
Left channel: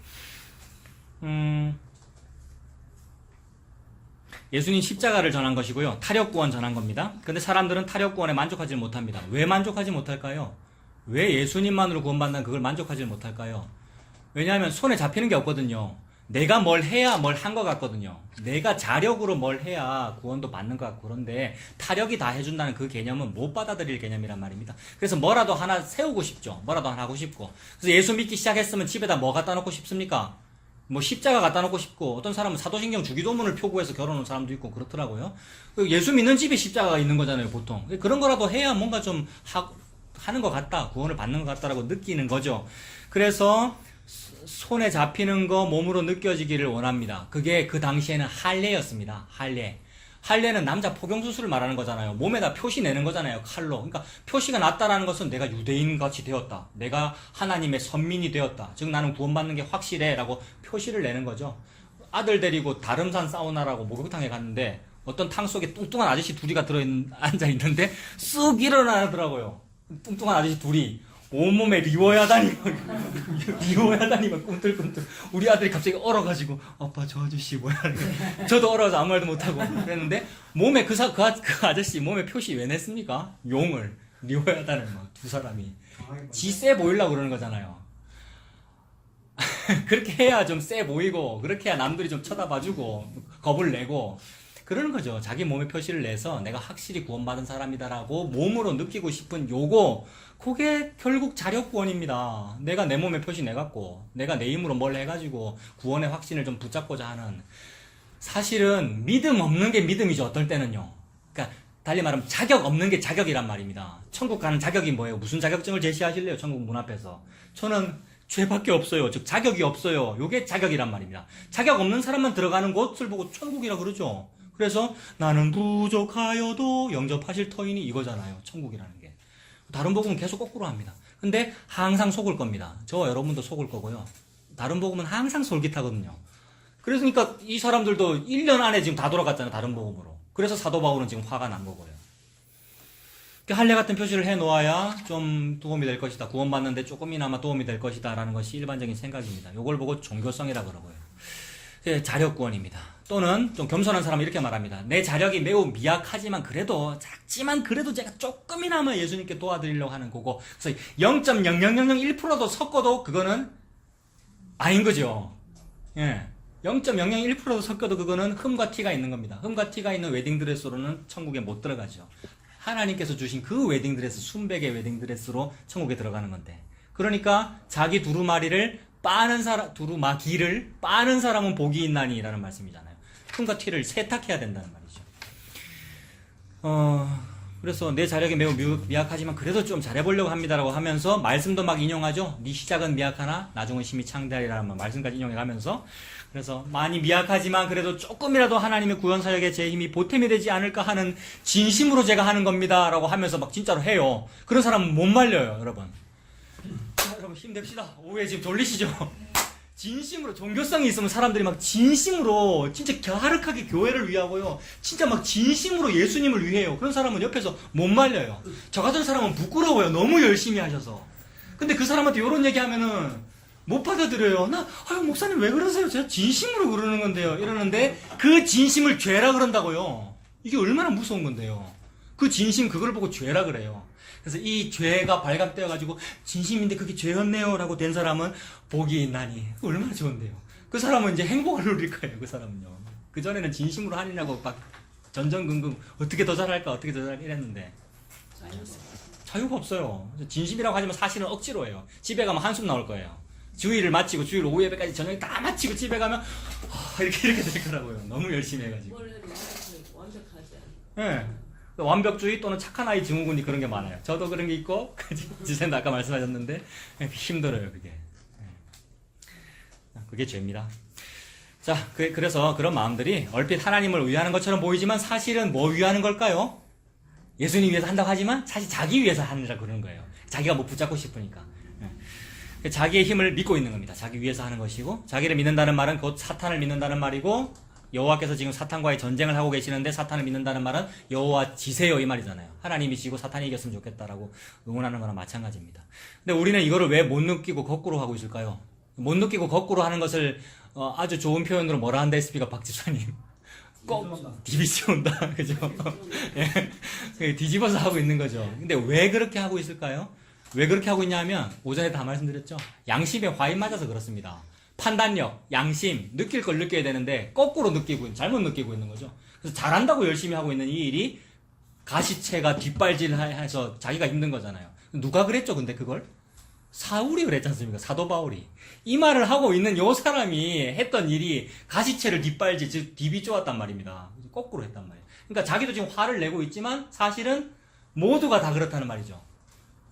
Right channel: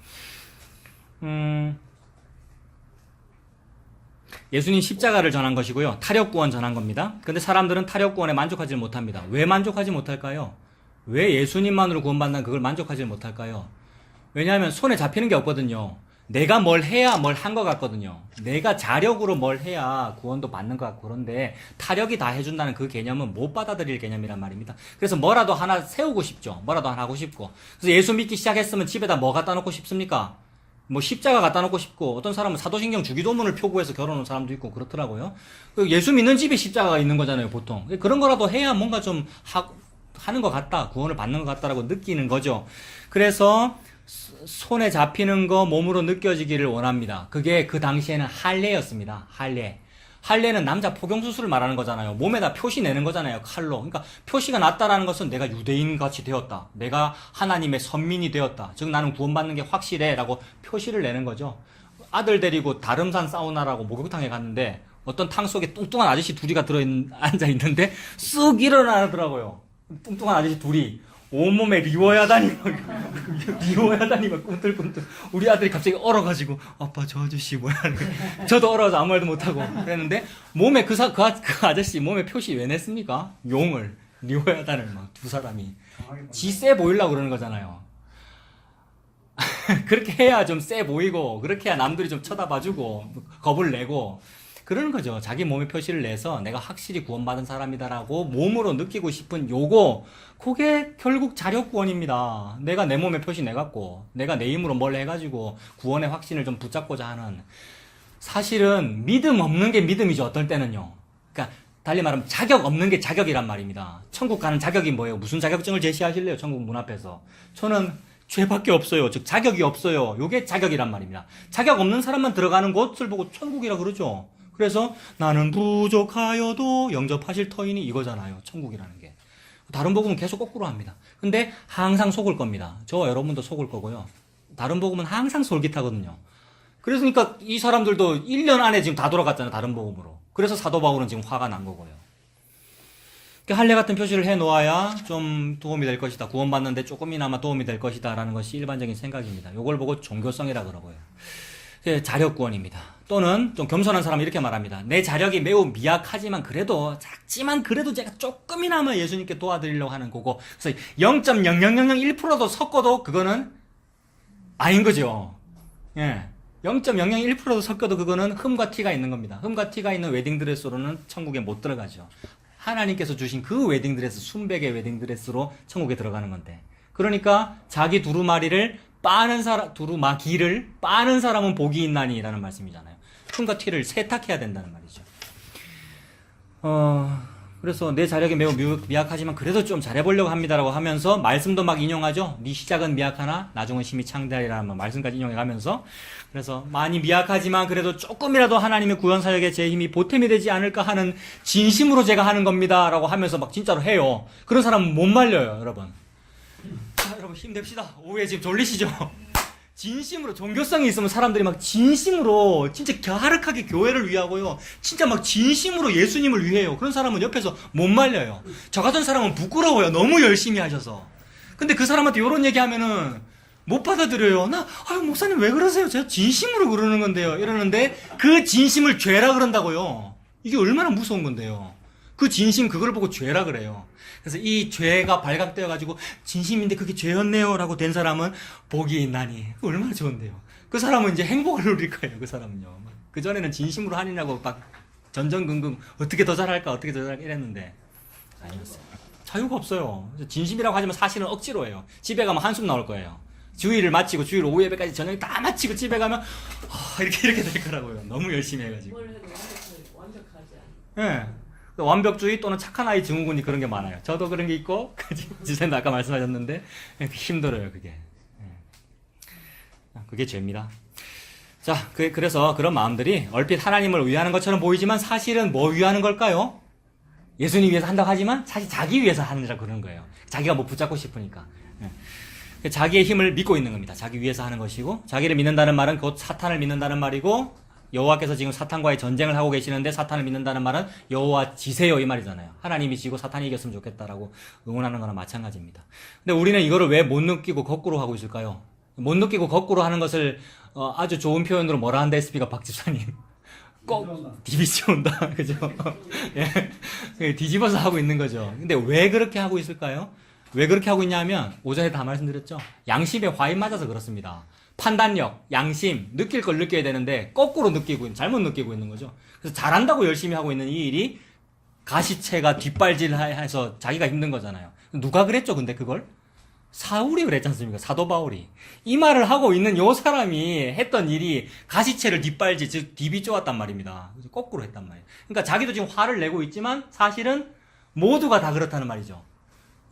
예수님 십자가를 전한 것이고요. 타력구원 전한 겁니다. 근데 사람들은 타력구원에 만족하지 못합니다. 왜 만족하지 못할까요? 왜 예수님만으로 구원받는 그걸 만족하지 못할까요? 왜냐하면 손에 잡히는 게 없거든요. 내가 뭘 해야 뭘 한 것 같거든요. 내가 자력으로 뭘 해야 구원도 받는 것 같고 그런데 타력이 다 해준다는 그 개념은 못 받아들일 개념이란 말입니다. 그래서 뭐라도 하나 세우고 싶죠. 뭐라도 하나 하고 싶고. 그래서 예수 믿기 시작했으면 집에다 뭐 갖다 놓고 싶습니까? 십자가 갖다 놓고 싶고 어떤 사람은 사도신경 주기도문을 표구해서 결혼한 사람도 있고 그렇더라고요. 예수 믿는 집에 십자가가 있는 거잖아요, 보통. 그런 거라도 해야 뭔가 좀 하는 것 같다, 구원을 받는 것 같다라고 느끼는 거죠. 그래서 손에 잡히는 거 몸으로 느껴지기를 원합니다. 그게 그 당시에는 할례였습니다. 할례는 남자 포경수술을 말하는 거잖아요. 몸에다 표시 내는 거잖아요, 칼로. 그러니까 표시가 났다라는 것은 내가 유대인같이 되었다. 내가 하나님의 선민이 되었다. 즉 나는 구원받는 게 확실해 라고 표시를 내는 거죠. 아들 데리고 다름산 사우나라고 목욕탕에 갔는데 어떤 탕 속에 뚱뚱한 아저씨 둘이 앉아있는데 쑥 일어나더라고요. 뚱뚱한 아저씨 둘이 온몸에 리워야다니 막 꿈틀꿈틀. 우리 아들이 갑자기 얼어가지고 아빠 저 아저씨 뭐야. 저도 얼어서 아무 말도 못하고 그랬는데 몸에 그 아저씨 몸에 표시 왜 냈습니까? 용을 리워야다를 막 두 사람이 지 세 보이려고 그러는 거잖아요. 그렇게 해야 좀 세 보이고 그렇게 해야 남들이 좀 쳐다봐주고 겁을 내고 그러는 거죠. 자기 몸의 표시를 내서 내가 확실히 구원받은 사람이다라고 몸으로 느끼고 싶은 그게 결국 자력구원입니다. 내가 내 몸의 표시 내갖고 내가 내 힘으로 뭘 해가지고 구원의 확신을 좀 붙잡고자 하는. 사실은 믿음 없는 게 믿음이죠. 어떨 때는요. 그러니까 달리 말하면 자격 없는 게 자격이란 말입니다. 천국 가는 자격이 뭐예요? 무슨 자격증을 제시하실래요? 천국 문 앞에서. 저는 죄밖에 없어요. 즉 자격이 없어요. 요게 자격이란 말입니다. 자격 없는 사람만 들어가는 곳을 보고 천국이라 그러죠. 그래서 나는 부족하여도 영접하실 터이니 이거잖아요. 천국이라는 게. 다른 복음은 계속 거꾸로 합니다. 근데 항상 속을 겁니다. 저와 여러분도 속을 거고요. 다른 복음은 항상 솔깃하거든요. 그러니까 이 사람들도 1년 안에 지금 다 돌아갔잖아요. 다른 복음으로. 그래서 사도 바울은 지금 화가 난 거고요. 할례 같은 표시를 해놓아야 좀 도움이 될 것이다. 구원받는데 조금이나마 도움이 될 것이다. 라는 것이 일반적인 생각입니다. 이걸 보고 종교성이라 그러고요. 자력구원입니다. 또는 좀 겸손한 사람은 이렇게 말합니다. 내 자력이 매우 미약하지만 그래도 작지만 그래도 제가 조금이나마 예수님께 도와드리려고 하는 거고, 그래서 0.0001%도 섞어도 그거는 아닌 거죠. 예. 0.001%도 섞어도 그거는 흠과 티가 있는 겁니다. 흠과 티가 있는 웨딩드레스로는 천국에 못 들어가죠. 하나님께서 주신 그 웨딩드레스, 순백의 웨딩드레스로 천국에 들어가는 건데. 그러니까 자기 두루마기를 빠는 사람은 복이 있나니 라는 말씀이잖아요. 흠과 티를 세탁해야 된다는 말이죠. 그래서 내 자력이 매우 미약하지만 그래도 좀 잘해보려고 합니다라고 하면서 말씀도 막 인용하죠. 네 시작은 미약하나 나중은 심히 창대하리라는 말씀까지 인용해가면서, 그래서 많이 미약하지만 그래도 조금이라도 하나님의 구원사역에 제 힘이 보탬이 되지 않을까 하는 진심으로 제가 하는 겁니다 라고 하면서 막 진짜로 해요. 그런 사람은 못 말려요, 여러분. 자, 여러분 힘냅시다. 오후에 지금 졸리시죠? 진심으로, 종교성이 있으면 사람들이 막 진심으로 진짜 갸륵하게 교회를 위하고요, 진짜 막 진심으로 예수님을 위해요. 그런 사람은 옆에서 못 말려요. 저 같은 사람은 부끄러워요. 너무 열심히 하셔서. 근데 그 사람한테 이런 얘기하면은 못 받아들여요. 목사님 왜 그러세요? 제가 진심으로 그러는 건데요. 이러는데 그 진심을 죄라 그런다고요. 이게 얼마나 무서운 건데요. 그 진심, 그걸 보고 죄라 그래요. 그래서 이 죄가 발각되어가지고 진심인데 그게 죄였네요 라고 된 사람은 복이 있나니, 얼마나 좋은데요. 그 사람은 이제 행복을 누릴 거예요. 그 사람은요. 그전에는 진심으로 하느냐고 막 전전긍긍 어떻게 더 잘할까 어떻게 더 잘할까 이랬는데 자유가 없어요. 진심이라고 하지만 사실은 억지로 해요. 집에 가면 한숨 나올 거예요. 주일을 마치고 주일 오후 예배까지 저녁에 다 마치고 집에 가면 이렇게 될 거라고요. 너무 열심히 해가지고. 완벽하지 않아. 예. 완벽주의 또는 착한 아이 증후군이 그런 게 많아요. 저도 그런 게 있고, 지선도 아까 말씀하셨는데, 힘들어요, 그게. 그게 죄입니다. 자, 그래서 그런 마음들이 얼핏 하나님을 위하는 것처럼 보이지만 사실은 뭐 위하는 걸까요? 예수님 위해서 한다고 하지만 사실 자기 위해서 하느라 그러는 거예요. 자기가 뭐 붙잡고 싶으니까. 자기의 힘을 믿고 있는 겁니다. 자기 위해서 하는 것이고, 자기를 믿는다는 말은 곧 사탄을 믿는다는 말이고, 여호와께서 지금 사탄과의 전쟁을 하고 계시는데 사탄을 믿는다는 말은 여호와 지세요 이 말이잖아요. 하나님이 지고 사탄이 이겼으면 좋겠다라고 응원하는 거나 마찬가지입니다. 근데 우리는 이거를 왜 못 느끼고 거꾸로 하고 있을까요? 못 느끼고 거꾸로 하는 것을 아주 좋은 표현으로 뭐라 한다 했습니까, 박 집사님? 꼭 디비지 온다. 그죠? 예. 뒤집어서 하고 있는 거죠. 근데 왜 그렇게 하고 있을까요? 왜 그렇게 하고 있냐면 오전에 다 말씀드렸죠. 양심에 화인 맞아서 그렇습니다. 판단력, 양심, 느낄 걸 느껴야 되는데 거꾸로 잘못 느끼고 있는 거죠. 그래서 잘한다고 열심히 하고 있는 이 일이 가시채가 뒷발질해서 자기가 힘든 거잖아요. 누가 그랬죠, 근데 그걸? 사울이 그랬지 않습니까? 사도 바울이. 이 말을 하고 있는 요 사람이 했던 일이 가시채를 뒷발질, 즉 딥이 쪼았단 말입니다. 거꾸로 했단 말이에요. 그러니까 자기도 지금 화를 내고 있지만 사실은 모두가 다 그렇다는 말이죠.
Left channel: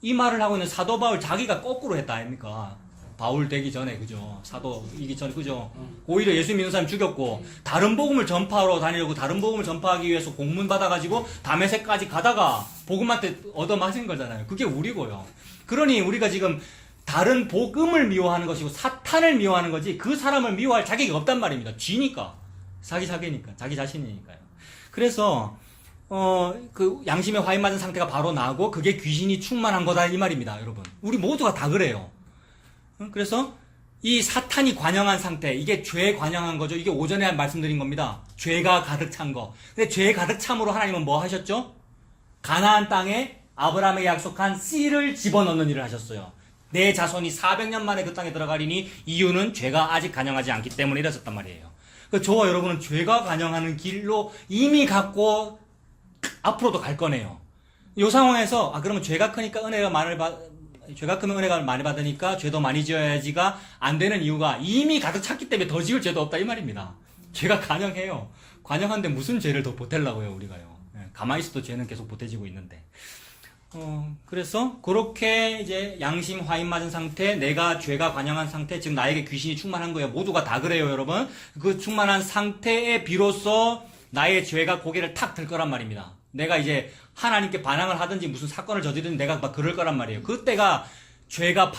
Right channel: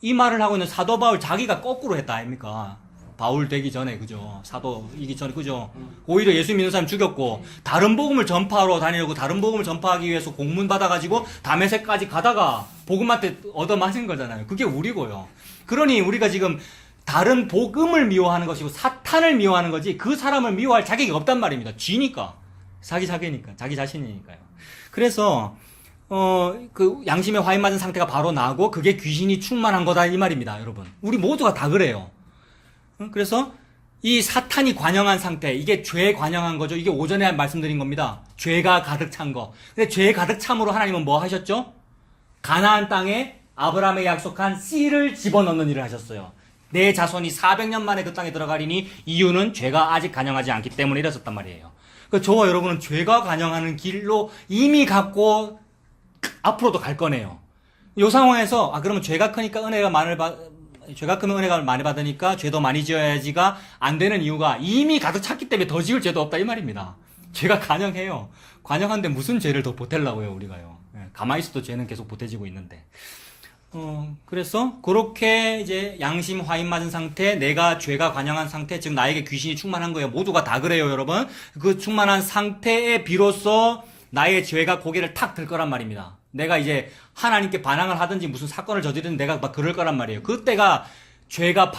이 말을 하고 있는 사도 바울 자기가 거꾸로 했다 아닙니까? 바울 되기 전에, 그죠? 사도이기 전에, 그죠? 오히려 예수 믿는 사람 죽였고, 다른 복음을 전파하러 다니려고 다른 복음을 전파하기 위해서 공문 받아가지고 다메섹까지 가다가 복음한테 얻어맞은 거잖아요. 그게 우리고요. 그러니 우리가 지금 다른 복음을 미워하는 것이고 사탄을 미워하는 거지 그 사람을 미워할 자격이 없단 말입니다. 쥐니까. 자기 자신이니까요. 그래서, 그 양심에 화인 맞은 상태가 바로 나고 그게 귀신이 충만한 거다 이 말입니다, 여러분. 우리 모두가 다 그래요. 그래서 이 사탄이 관영한 상태, 이게 죄에 관영한 거죠. 이게 오전에 말씀드린 겁니다. 죄가 가득 찬 거. 근데 죄 가득 참으로 하나님은 뭐 하셨죠? 가나안 땅에 아브라함에게 약속한 씨를 집어넣는 일을 하셨어요. 내 자손이 400년 만에 그 땅에 들어가리니 이유는 죄가 아직 관영하지 않기 때문에 이랬었단 말이에요. 저와 여러분은 죄가 관영하는 길로 이미 갔고 앞으로도 갈 거네요. 이 상황에서 그러면 죄가 크니까 죄가 크면 은혜가 많이 받으니까 죄도 많이 지어야지가 안 되는 이유가 이미 가득 찼기 때문에 더 지을 죄도 없다 이 말입니다. 죄가 관영해요. 관영한데 무슨 죄를 더 보태려고요, 우리가요. 가만히 있어도 죄는 계속 보태지고 있는데. 그래서 그렇게 이제 양심 화인 맞은 상태, 내가 죄가 관영한 상태, 지금 나에게 귀신이 충만한 거예요. 모두가 다 그래요, 여러분. 그 충만한 상태에 비로소 나의 죄가 고개를 탁 들 거란 말입니다. 내가 이제 하나님께 반항을 하든지 무슨 사건을 저지르든 내가 막 그럴 거란 말이에요. 그때가 죄가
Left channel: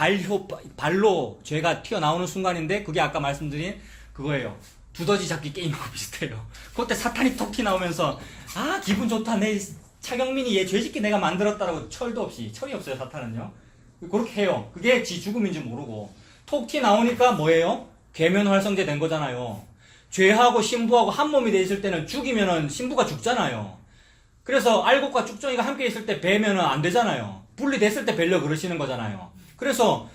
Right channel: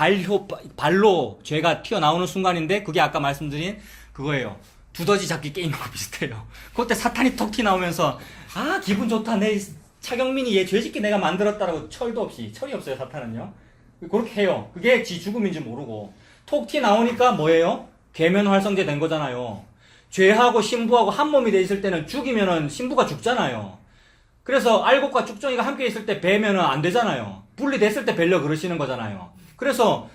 발로 죄가 튀어나오는 순간인데 그게 아까 말씀드린 그거예요. 두더지 잡기 게임하고 비슷해요. 그때 사탄이 톡 튀나오면서 기분 좋다. 내 차경민이 얘 죄짓게 내가 만들었다라고 철도 없이, 철이 없어요, 사탄은요. 그렇게 해요. 그게 지 죽음인지 모르고 톡 튀나오니까 뭐예요? 계면활성제 된 거잖아요. 죄하고 신부하고 한 몸이 돼 있을 때는 죽이면은 신부가 죽잖아요. 그래서 알곡과 쭉정이가 함께 있을 때 배면은 안 되잖아요. 분리됐을 때 배려 그러시는 거잖아요. 그래서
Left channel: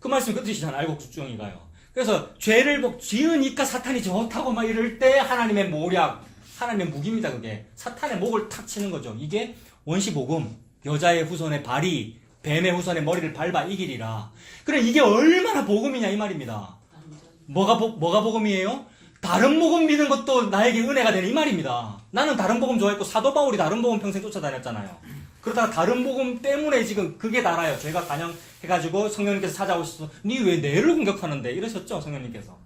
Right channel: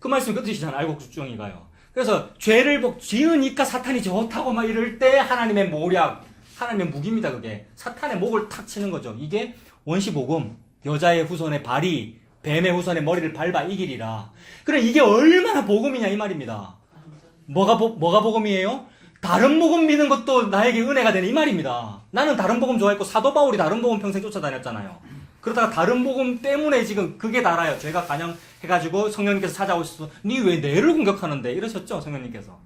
그 말씀 그 뜻이잖아요. 알곡 쭉정이가요. 그래서 죄를 지으니까 사탄이 좋다고 막 이럴 때 하나님의 모략, 하나님의 무기입니다. 그게 사탄의 목을 탁 치는 거죠. 이게 원시복음, 여자의 후손의 발이 뱀의 후손의 머리를 밟아 이기리라. 그래 이게 얼마나 복음이냐 이 말입니다. 뭐가 복음이에요? 다른 복음 믿는 것도 나에게 은혜가 되는 이 말입니다. 나는 다른 복음 좋아했고 사도 바울이 다른 복음 평생 쫓아다녔잖아요. 그러다가 다른 복음 때문에 지금 그게 달아요. 저희가 간영해가지고 성령님께서 찾아오셔서 니 왜 내를 공격하는데 이러셨죠 성령님께서.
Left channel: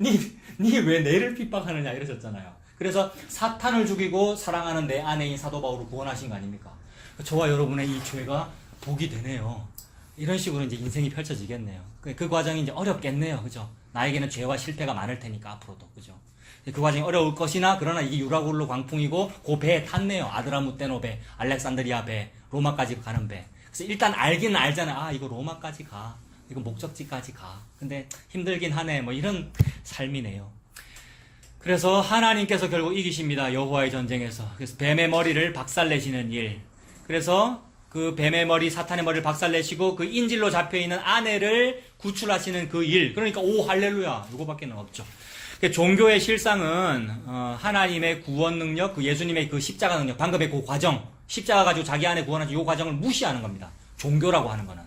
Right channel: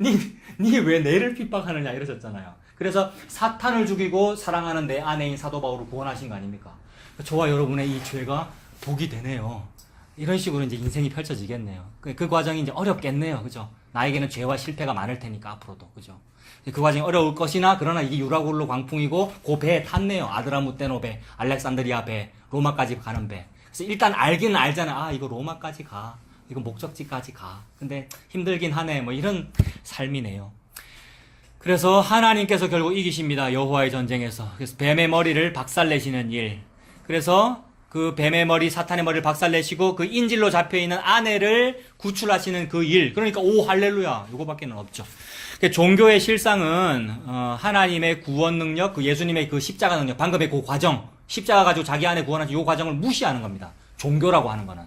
니 왜 내를 핍박하느냐 이러셨잖아요. 그래서 사탄을 죽이고 사랑하는 내 아내인 사도 바울을 구원하신 거 아닙니까? 저와 여러분의 이 죄가 복이 되네요. 이런 식으로 이제 인생이 펼쳐지겠네요. 그 과정이 이제 어렵겠네요. 그죠? 나에게는 죄와 실패가 많을 테니까 앞으로도. 그죠? 그 과정이 어려울 것이나 그러나 이게 유라굴로 광풍이고 그 배에 탔네요. 아드라무테노 배, 알렉산드리아 배, 로마까지 가는 배. 그래서 일단 알기는 알잖아요. 아 이거 로마까지 가. 이거 목적지까지 가. 근데 힘들긴 하네. 뭐 이런 삶이네요. 그래서 하나님께서 결국 이기십니다. 여호와의 전쟁에서. 그래서 뱀의 머리를 박살내시는 일. 그래서 그 뱀의 머리, 사탄의 머리를 박살내시고 그 인질로 잡혀있는 아내를 구출하시는 그 일. 그러니까 오 할렐루야. 이거밖에는 없죠. 종교의 실상은 하나님의 구원 능력, 그 예수님의 그 십자가 능력, 방금의 그 과정, 십자가 가지고 자기 안에 구원하신 이 과정을 무시하는 겁니다. 종교라고 하는 거는.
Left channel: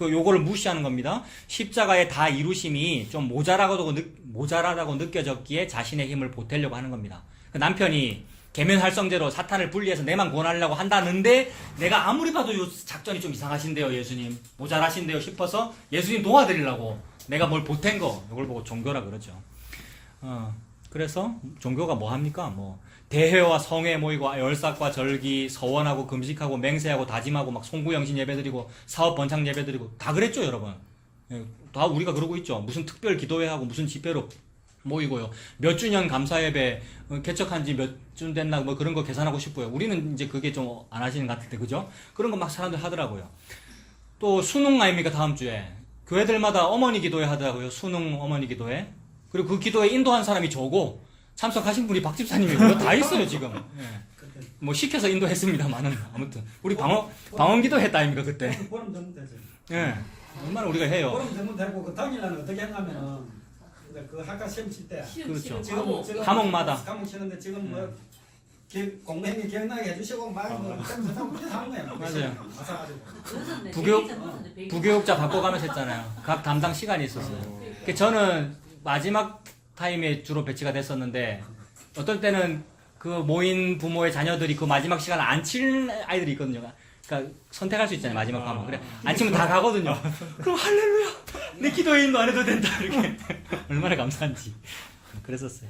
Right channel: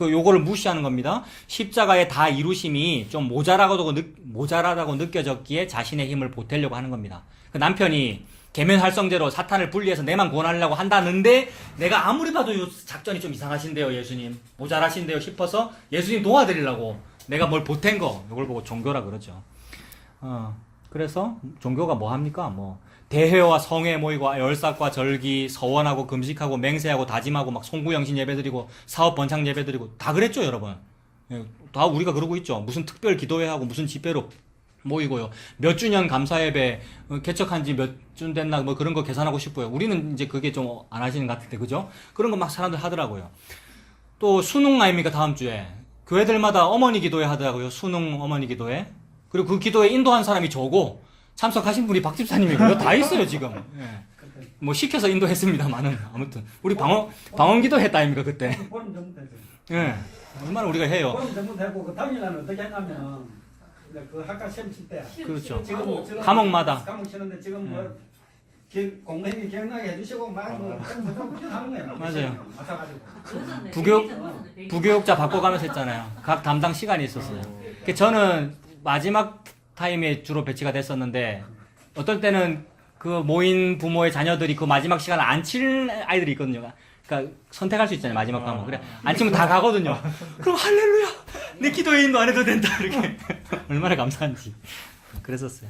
요거를 무시하는 겁니다. 십자가의 다 이루심이 좀 모자라다고 느껴졌기에 자신의 힘을 보태려고 하는 겁니다. 그 남편이 계면활성제로 사탄을 분리해서 내만 구원하려고 한다는데 내가 아무리 봐도 이 작전이 좀 이상하신데요 예수님 모자라신데요 싶어서 예수님 도와드리려고 내가 뭘 보탠 거 이걸 보고 종교라 그러죠. 그래서 종교가 뭐 합니까? 뭐 대회와 성회 모이고 열삭과 절기 서원하고 금식하고 맹세하고 다짐하고 막 송구영신 예배드리고 사업 번창 예배드리고 다 그랬죠 여러분. 다 우리가 그러고 있죠. 무슨 특별 기도회하고 무슨 집회로 모이고요. 몇 주년 감사예배 개척한 지 몇 주 됐나 뭐 그런 거 계산하고 싶고요. 우리는 이제 그게 좀 안 하시는 것 같은데 그죠? 그런 거 막 사람들 하더라고요. 또 수능 아닙니까 다음 주에 교회들마다 어머니 기도회 하더라고요. 수능 어머니 기도회. 그리고 그 기도회 인도한 사람이 저고 참석하신 분이 박 집사님이고요. 다 있어요 지금. 예. 뭐 시켜서 인도했습니다만은 아무튼 우리 방언 기도 했다 아닙니까 그때. 보름 전문 되죠. 예. 얼마나 우리가 해요. 보름 전문 되고 그 당일날은 어떻게 했냐면은 그 학과 시험 칠 때 그렇죠. 지금 과목마다. 과목 치는데 지금 뭐 공대미 기억나게 해주시고 막뭐 그렇게 하는 거예요. 맞아요. 아사가지고. 부교육자 바꿔가면서 했잖아요. 각 담당 시간이 있었어요. 저는 마지막 타임에 주로 배치가 됐었는데 어떨 때는 그 모인 부모의 자녀들이 그 마지막 시간을 안 칠 아이들이 있거든요. 그러니까 선택할 수 있잖아요. 마지막 과목. 그래 안 치면 다 가거든요. 그럼 할렐루야 내 기도에 인도 안 해도 된다 이렇게 얼마나 감사한지 그랬었어요.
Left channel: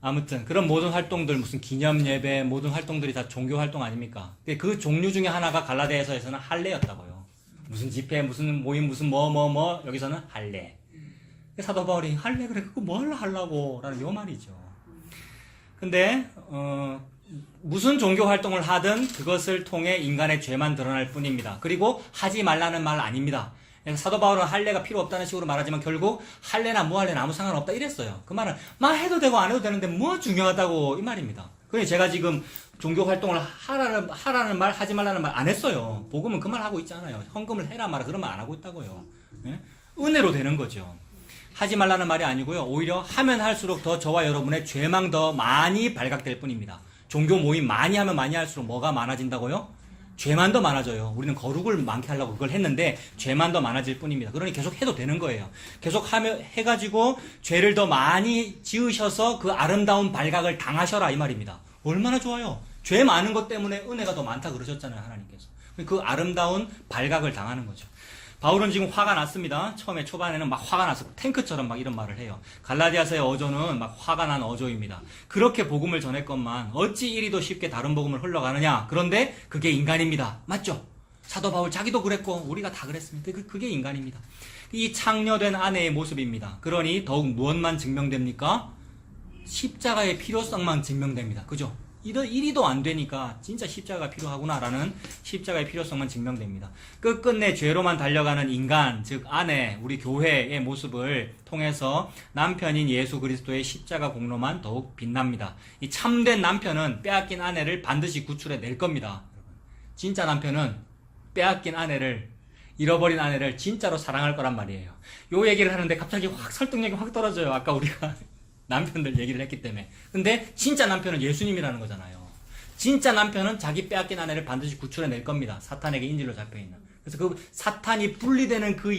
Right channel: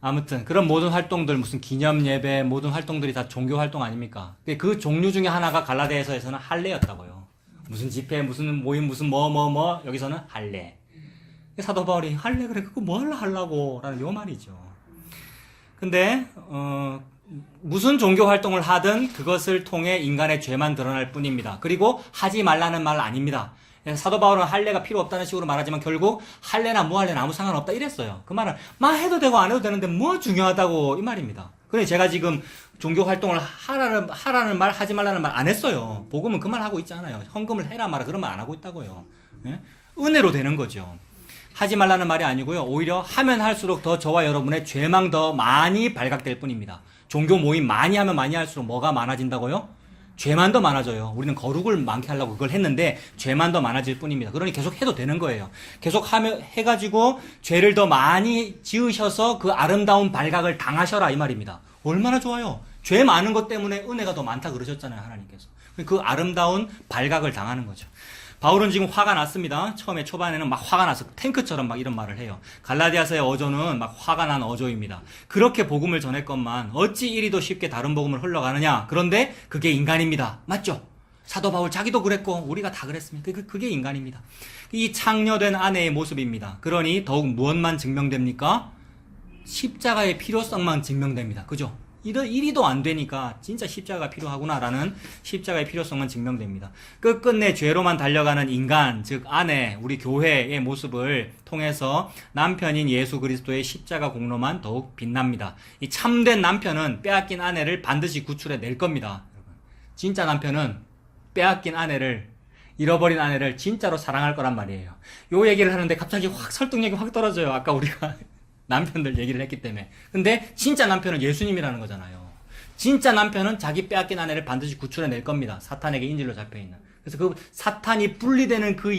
아무튼 그런 모든 활동들 무슨 기념 예배 모든 활동들이 다 종교 활동 아닙니까? 그 종류 중에 하나가 갈라디아서에서는 할례였다고요. 무슨 집회 무슨 모임 무슨 뭐 여기서는 할례. 사도 바울이 할래 그래 그거 뭘 하려고 라는 요 말이죠. 근데 무슨 종교 활동을 하든 그것을 통해 인간의 죄만 드러날 뿐입니다. 그리고 하지 말라는 말 아닙니다. 사도 바울은 할례가 필요 없다는 식으로 말하지만 결국 할례나 무할례나 아무 상관없다 이랬어요. 그 말은 해도 되고 안 해도 되는데 뭐 중요하다고 이 말입니다. 그래서 제가 지금 종교 활동을 하라는 말 하지 말라는 말 안 했어요. 복음은 그 말 하고 있잖아요. 헌금을 해라 마라 그런 말 안 하고 있다고요. 예? 은혜로 되는 거죠. 하지 말라는 말이 아니고요. 오히려 하면 할수록 더 저와 여러분의 죄망 더 많이 발각될 뿐입니다. 종교 모임 많이 하면 많이 할수록 뭐가 많아진다고요? 죄만 더 많아져요. 우리는 거룩을 많게 하려고 그걸 했는데 죄만 더 많아질 뿐입니다. 그러니 계속 해도 되는 거예요. 계속 해가지고 죄를 더 많이 지으셔서 그 아름다운 발각을 당하셔라 이 말입니다. 얼마나 좋아요. 죄 많은 것 때문에 은혜가 더 많다 그러셨잖아요. 하나님께서. 그 아름다운 발각을 당하는 거죠. 바울은 지금 화가 났습니다. 처음에 초반에는 막 화가 나서 탱크처럼 막 이런 말을 해요. 갈라디아서의 어조는 막 화가 난 어조입니다. 그렇게 복음을 전했건만 어찌 이리도 쉽게 다른 복음을 흘러가느냐. 그런데 그게 인간입니다. 맞죠? 사도 바울 자기도 그랬고 우리가 다 그랬습니다. 그게 인간입니다. 이 창녀된 아내의 모습입니다. 그러니 더욱 무엇만 증명됩니까? 십자가의 필요성만 증명됩니다. 그죠? 이리도 안 되니까 진짜 십자가가 필요하구나라는 십자가의 필요성은 증명됩니다. 끝끝내 죄로만 달려가는 인간, 즉 아내, 우리 교회의 모습을 통해서 남편인 예수 그리스도의 십자가 공로만 더욱 빛납니다. 이 참된 남편은 빼앗긴 아내를 반드시 구출해 낼 겁니다. 진짜 남편은 빼앗긴 아내를, 잃어버린 아내를 진짜로 사랑할 거란 말이에요. 요 얘기를 하는데 갑자기 확 설득력이 확 떨어져요. 아까 우리가 남편들 얘기를 했기 때문에. 근데 진짜 남편은 예수님이라는 거잖아요. 진짜 남편은 자기 빼앗긴 아내를 반드시 구출해 낼 겁니다. 사탄에게 인질로 잡혀있는. 그래서 그 사탄이 분리되는 그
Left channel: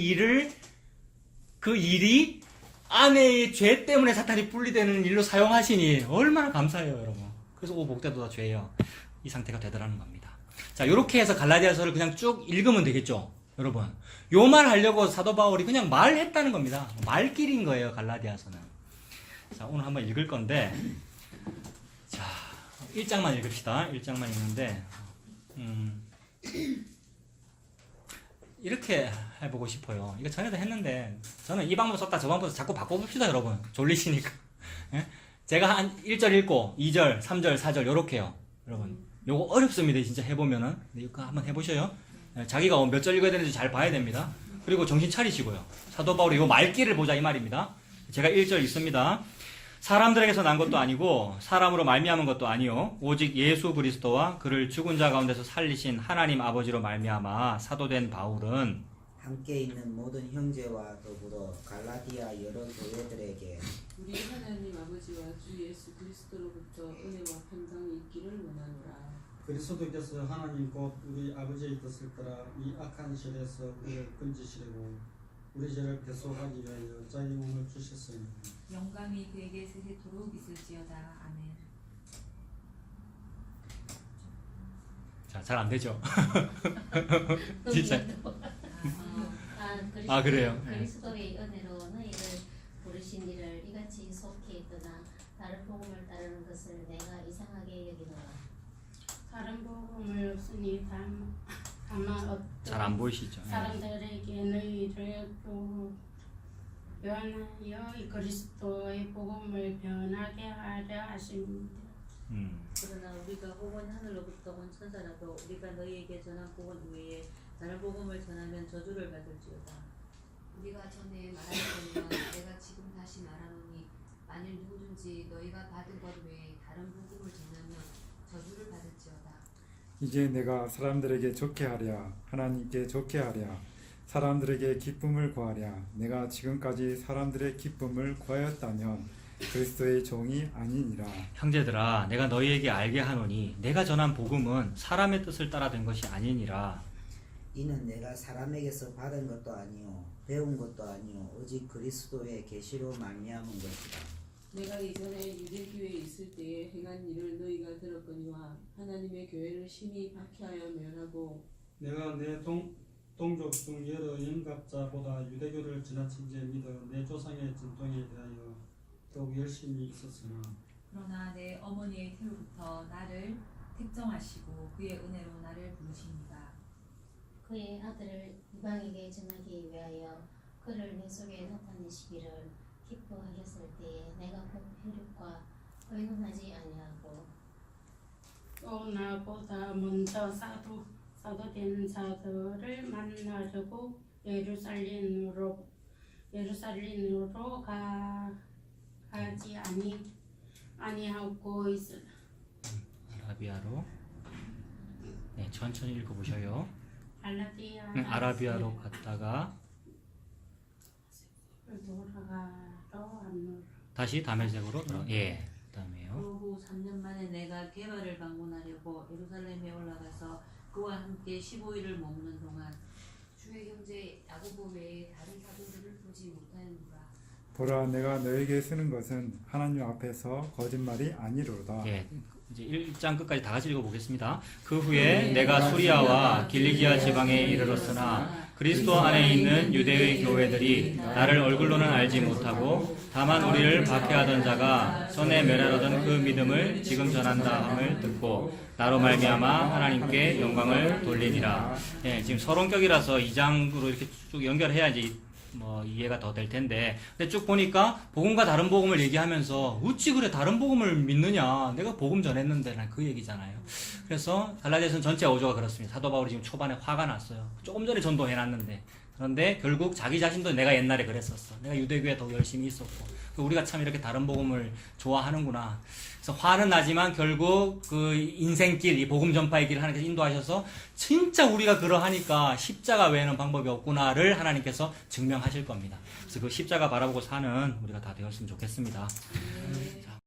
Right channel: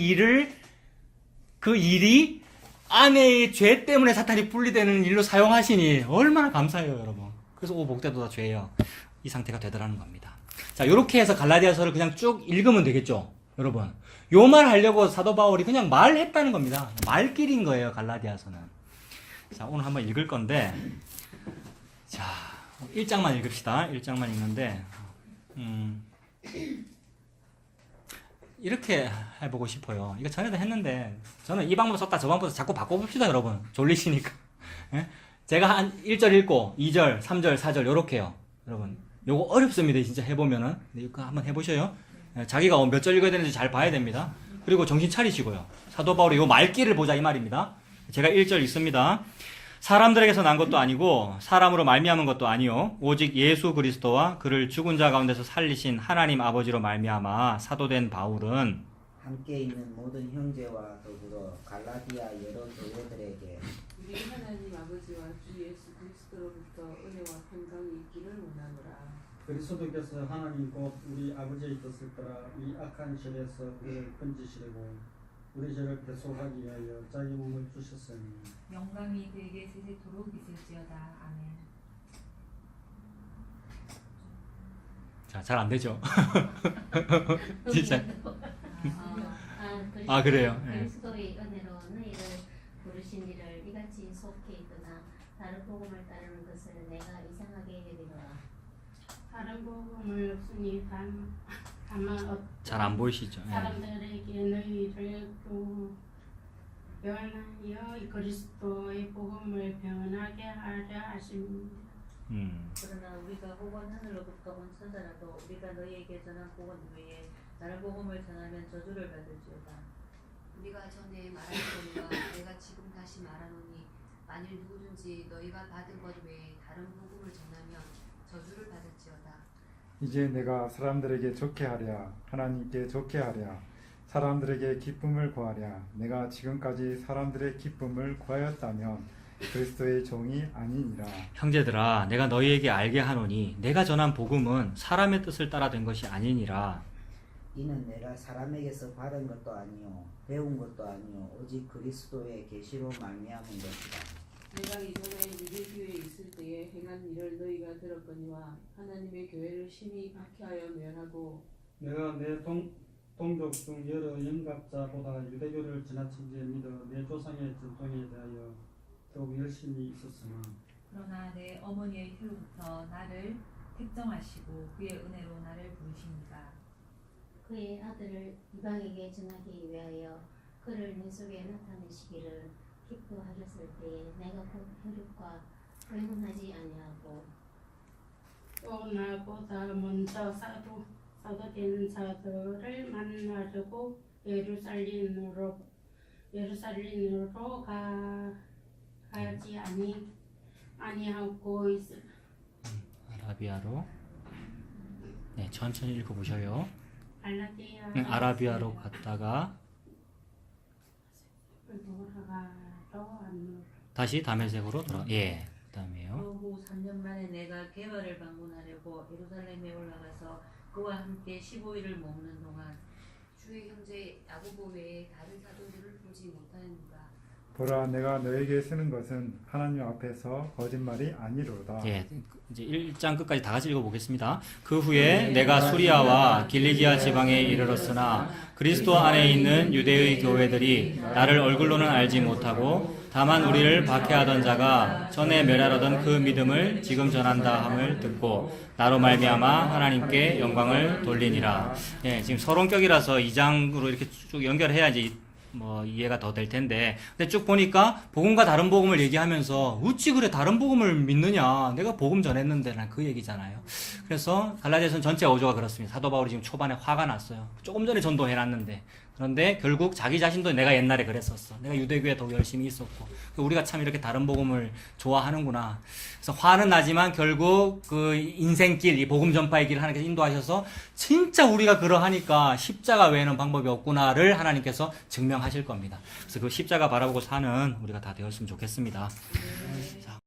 일이 아내의 죄 때문에 사탄이 분리되는 일로 사용하시니 얼마나 감사해요, 여러분. 그래서 오 복되도 다 죄예요. 이 상태가 되더라는 겁니다. 자, 요렇게 해서 갈라디아서를 그냥 쭉 읽으면 되겠죠, 여러분. 요 말 하려고 사도 바울이 그냥 말했다는 겁니다. 말길인 거예요, 갈라디아서는. 자, 오늘 한번 읽을 건데, 자, 1장만 읽읍시다. 1장만 읽는데, 이렇게 해보고 싶어요. 이거 전에도 했는데, 저는 이 방법 썼다 저 방법 자꾸 바꿔봅시다, 여러분. 졸리시니까. 예? 제가 한 1절 읽고, 2절, 3절, 4절, 요렇게요. 여러분, 요거 어렵습니다, 진짜 해보면은. 이거 한번 해보셔요. 예, 자기가 몇 절 읽어야 되는지 잘 봐야 됩니다. 그리고 정신 차리시고요. 사도 바울이 요 말귀를 보자, 이 말입니다. 제가 1절 읽습니다. 사람들에게서 난 것도 아니고 사람으로 말미암은 것도 아니요 오직 예수 그리스도와 그를 죽은 자 가운데서 살리신 하나님 아버지로 말미암아 사도된 바울은 함께 있는 모든 형제와 더불어 갈라디아 여러 교회들에게 우리 하나님 아버지와 주 예수 그리스도로부터 은혜와 평강이 있기를 원하노라. 그리스도께서 하나님 곧 우리 아버지의 뜻을 따라 이 악한 시대에서 우리를 건지시려고 우리 죄를 대속하기 위하여 자기 몸을 주셨으니 영광이 그에게 세세토록 있을지어다. 아멘. 자, 잘 안 되죠. 진짜. 아, 그래요? 네. 그리스도의 은혜로 너희를 부르신 이를 이같이 속히 있거나 다른 복음을 따르는 것을 내가 이상하게 여기노라. 다른 복음을 없으니 다만 잘 안 보이시죠? 예. 사람들에게 너희를 변하여 이 그리스도의 복음을 변하게 하려 하십니다. 그러나 우리가 혹은 하늘로부터 온 천사라도 우리가 너희에게 전한 복음 외에 다른 복음을 전하면 저주를 받을지어다. 우리가 전에 말하였거니와 내가 지금 다시 말하노니 만일 누구든지 너희가 받은 것 외에 다른 복음을 전하면 저주를 받을지어다. 이제 내가 사람들에게 좋게 하랴 하나님께 좋게 하랴 사람들에게 기쁨을 구하랴 내가 지금까지 사람들의 기쁨을 구하였다면 그리스도의 종이 아니니라. 형제들아, 내가 너희에게 알게 하노니 내가 전한 복음은 사람의 뜻을 따라 된 것이 아니니라. 이는 내가 사람에게서 받은 것도 아니요 배운 것도 아니요 오직 그리스도의 계시로 말미암은 것이다. 내가 이전에 유대교에 있을 때에 행한 일을 너희가 들었거니와 하나님의 교회를 심히 박해하여 멸하고 내가 내 동족 중 여러 영갑자보다 유대교를 지나친 지 믿어 내 조상의 전통에 대하여 더욱 열심히 있었으나 그러나 내 어머니의 태로부터 나를 택정하시고 그의 은혜로 나를 부르십니다. 그의 아들을 이방에게 전하기 위하여 그를 내 속에 나타내시기를 기뻐하셨을 때에 내가 곧 혈육과 의논하지 아니하고 또 나보다 먼저 사도된 자들을 만나려고 예루살렘으로 가지 아니하고 있으라. 아라비아로. 네, 천천히 읽어보셔요. 아라비아로 갔다가 돌아가러 왔노라. 다시 다메섹으로 돌아. 예, 그다음에요. 그후 3년 만에 내가 게바를 방문하려고 예루살렘에 올라가서 그와 함께 15일을 머무는 동안 주의 형제 야고보 외에 다른 사도들을 보지 못하는가. 보라 내가 너에게 쓰는 것은 하나님 앞에서 거짓말이 아니로다. 예, 이제 1장 끝까지 다 같이 읽어보겠습니다. 그 후에 내가 수리아와 길리기아 지방에 이르렀으나 그리스도 안에 있는 유대의 교회들이 나를 얼굴로는 알지 못하고 다만 우리를 박해하던 자가 전에 멸하려던 그 믿음을 지금 전한다 함을 듣고 나로 말미암아 하나님께 영광을 돌리니라. 예, 지금 서론격이라서 2장으로 이렇게 쭉 연결해야지 뭐 이해가 더 될 텐데, 근데 쭉 보니까 복음과 다른 복음을 얘기하면서 어찌 그래 다른 복음을 믿느냐, 내가 복음 전했는데, 난 그 얘기잖아요. 그래서 갈라디아서는 전체 어조가 그렇습니다. 사도 바울이 지금 초반에 화가 났어요. 조금 전에 전도해놨는데, 그런데 결국 자기 자신도 내가 옛날에 그랬었어, 내가 유대교에 더 열심히 있었고, 우리가 참 이렇게 다른 복음을 좋아하는구나. 그래서 화는 나지만 결국 그 인생길, 이 복음 전파의 길을 하나님께서 인도하셔서 진짜 우리가 그러하니까 십자가 외에는 방법이 없구나를 하나님께서 증명하실 겁니다. 그래서 그 십자가 바라보고 사는 우리가 다 되었으면 좋겠습니다. 자,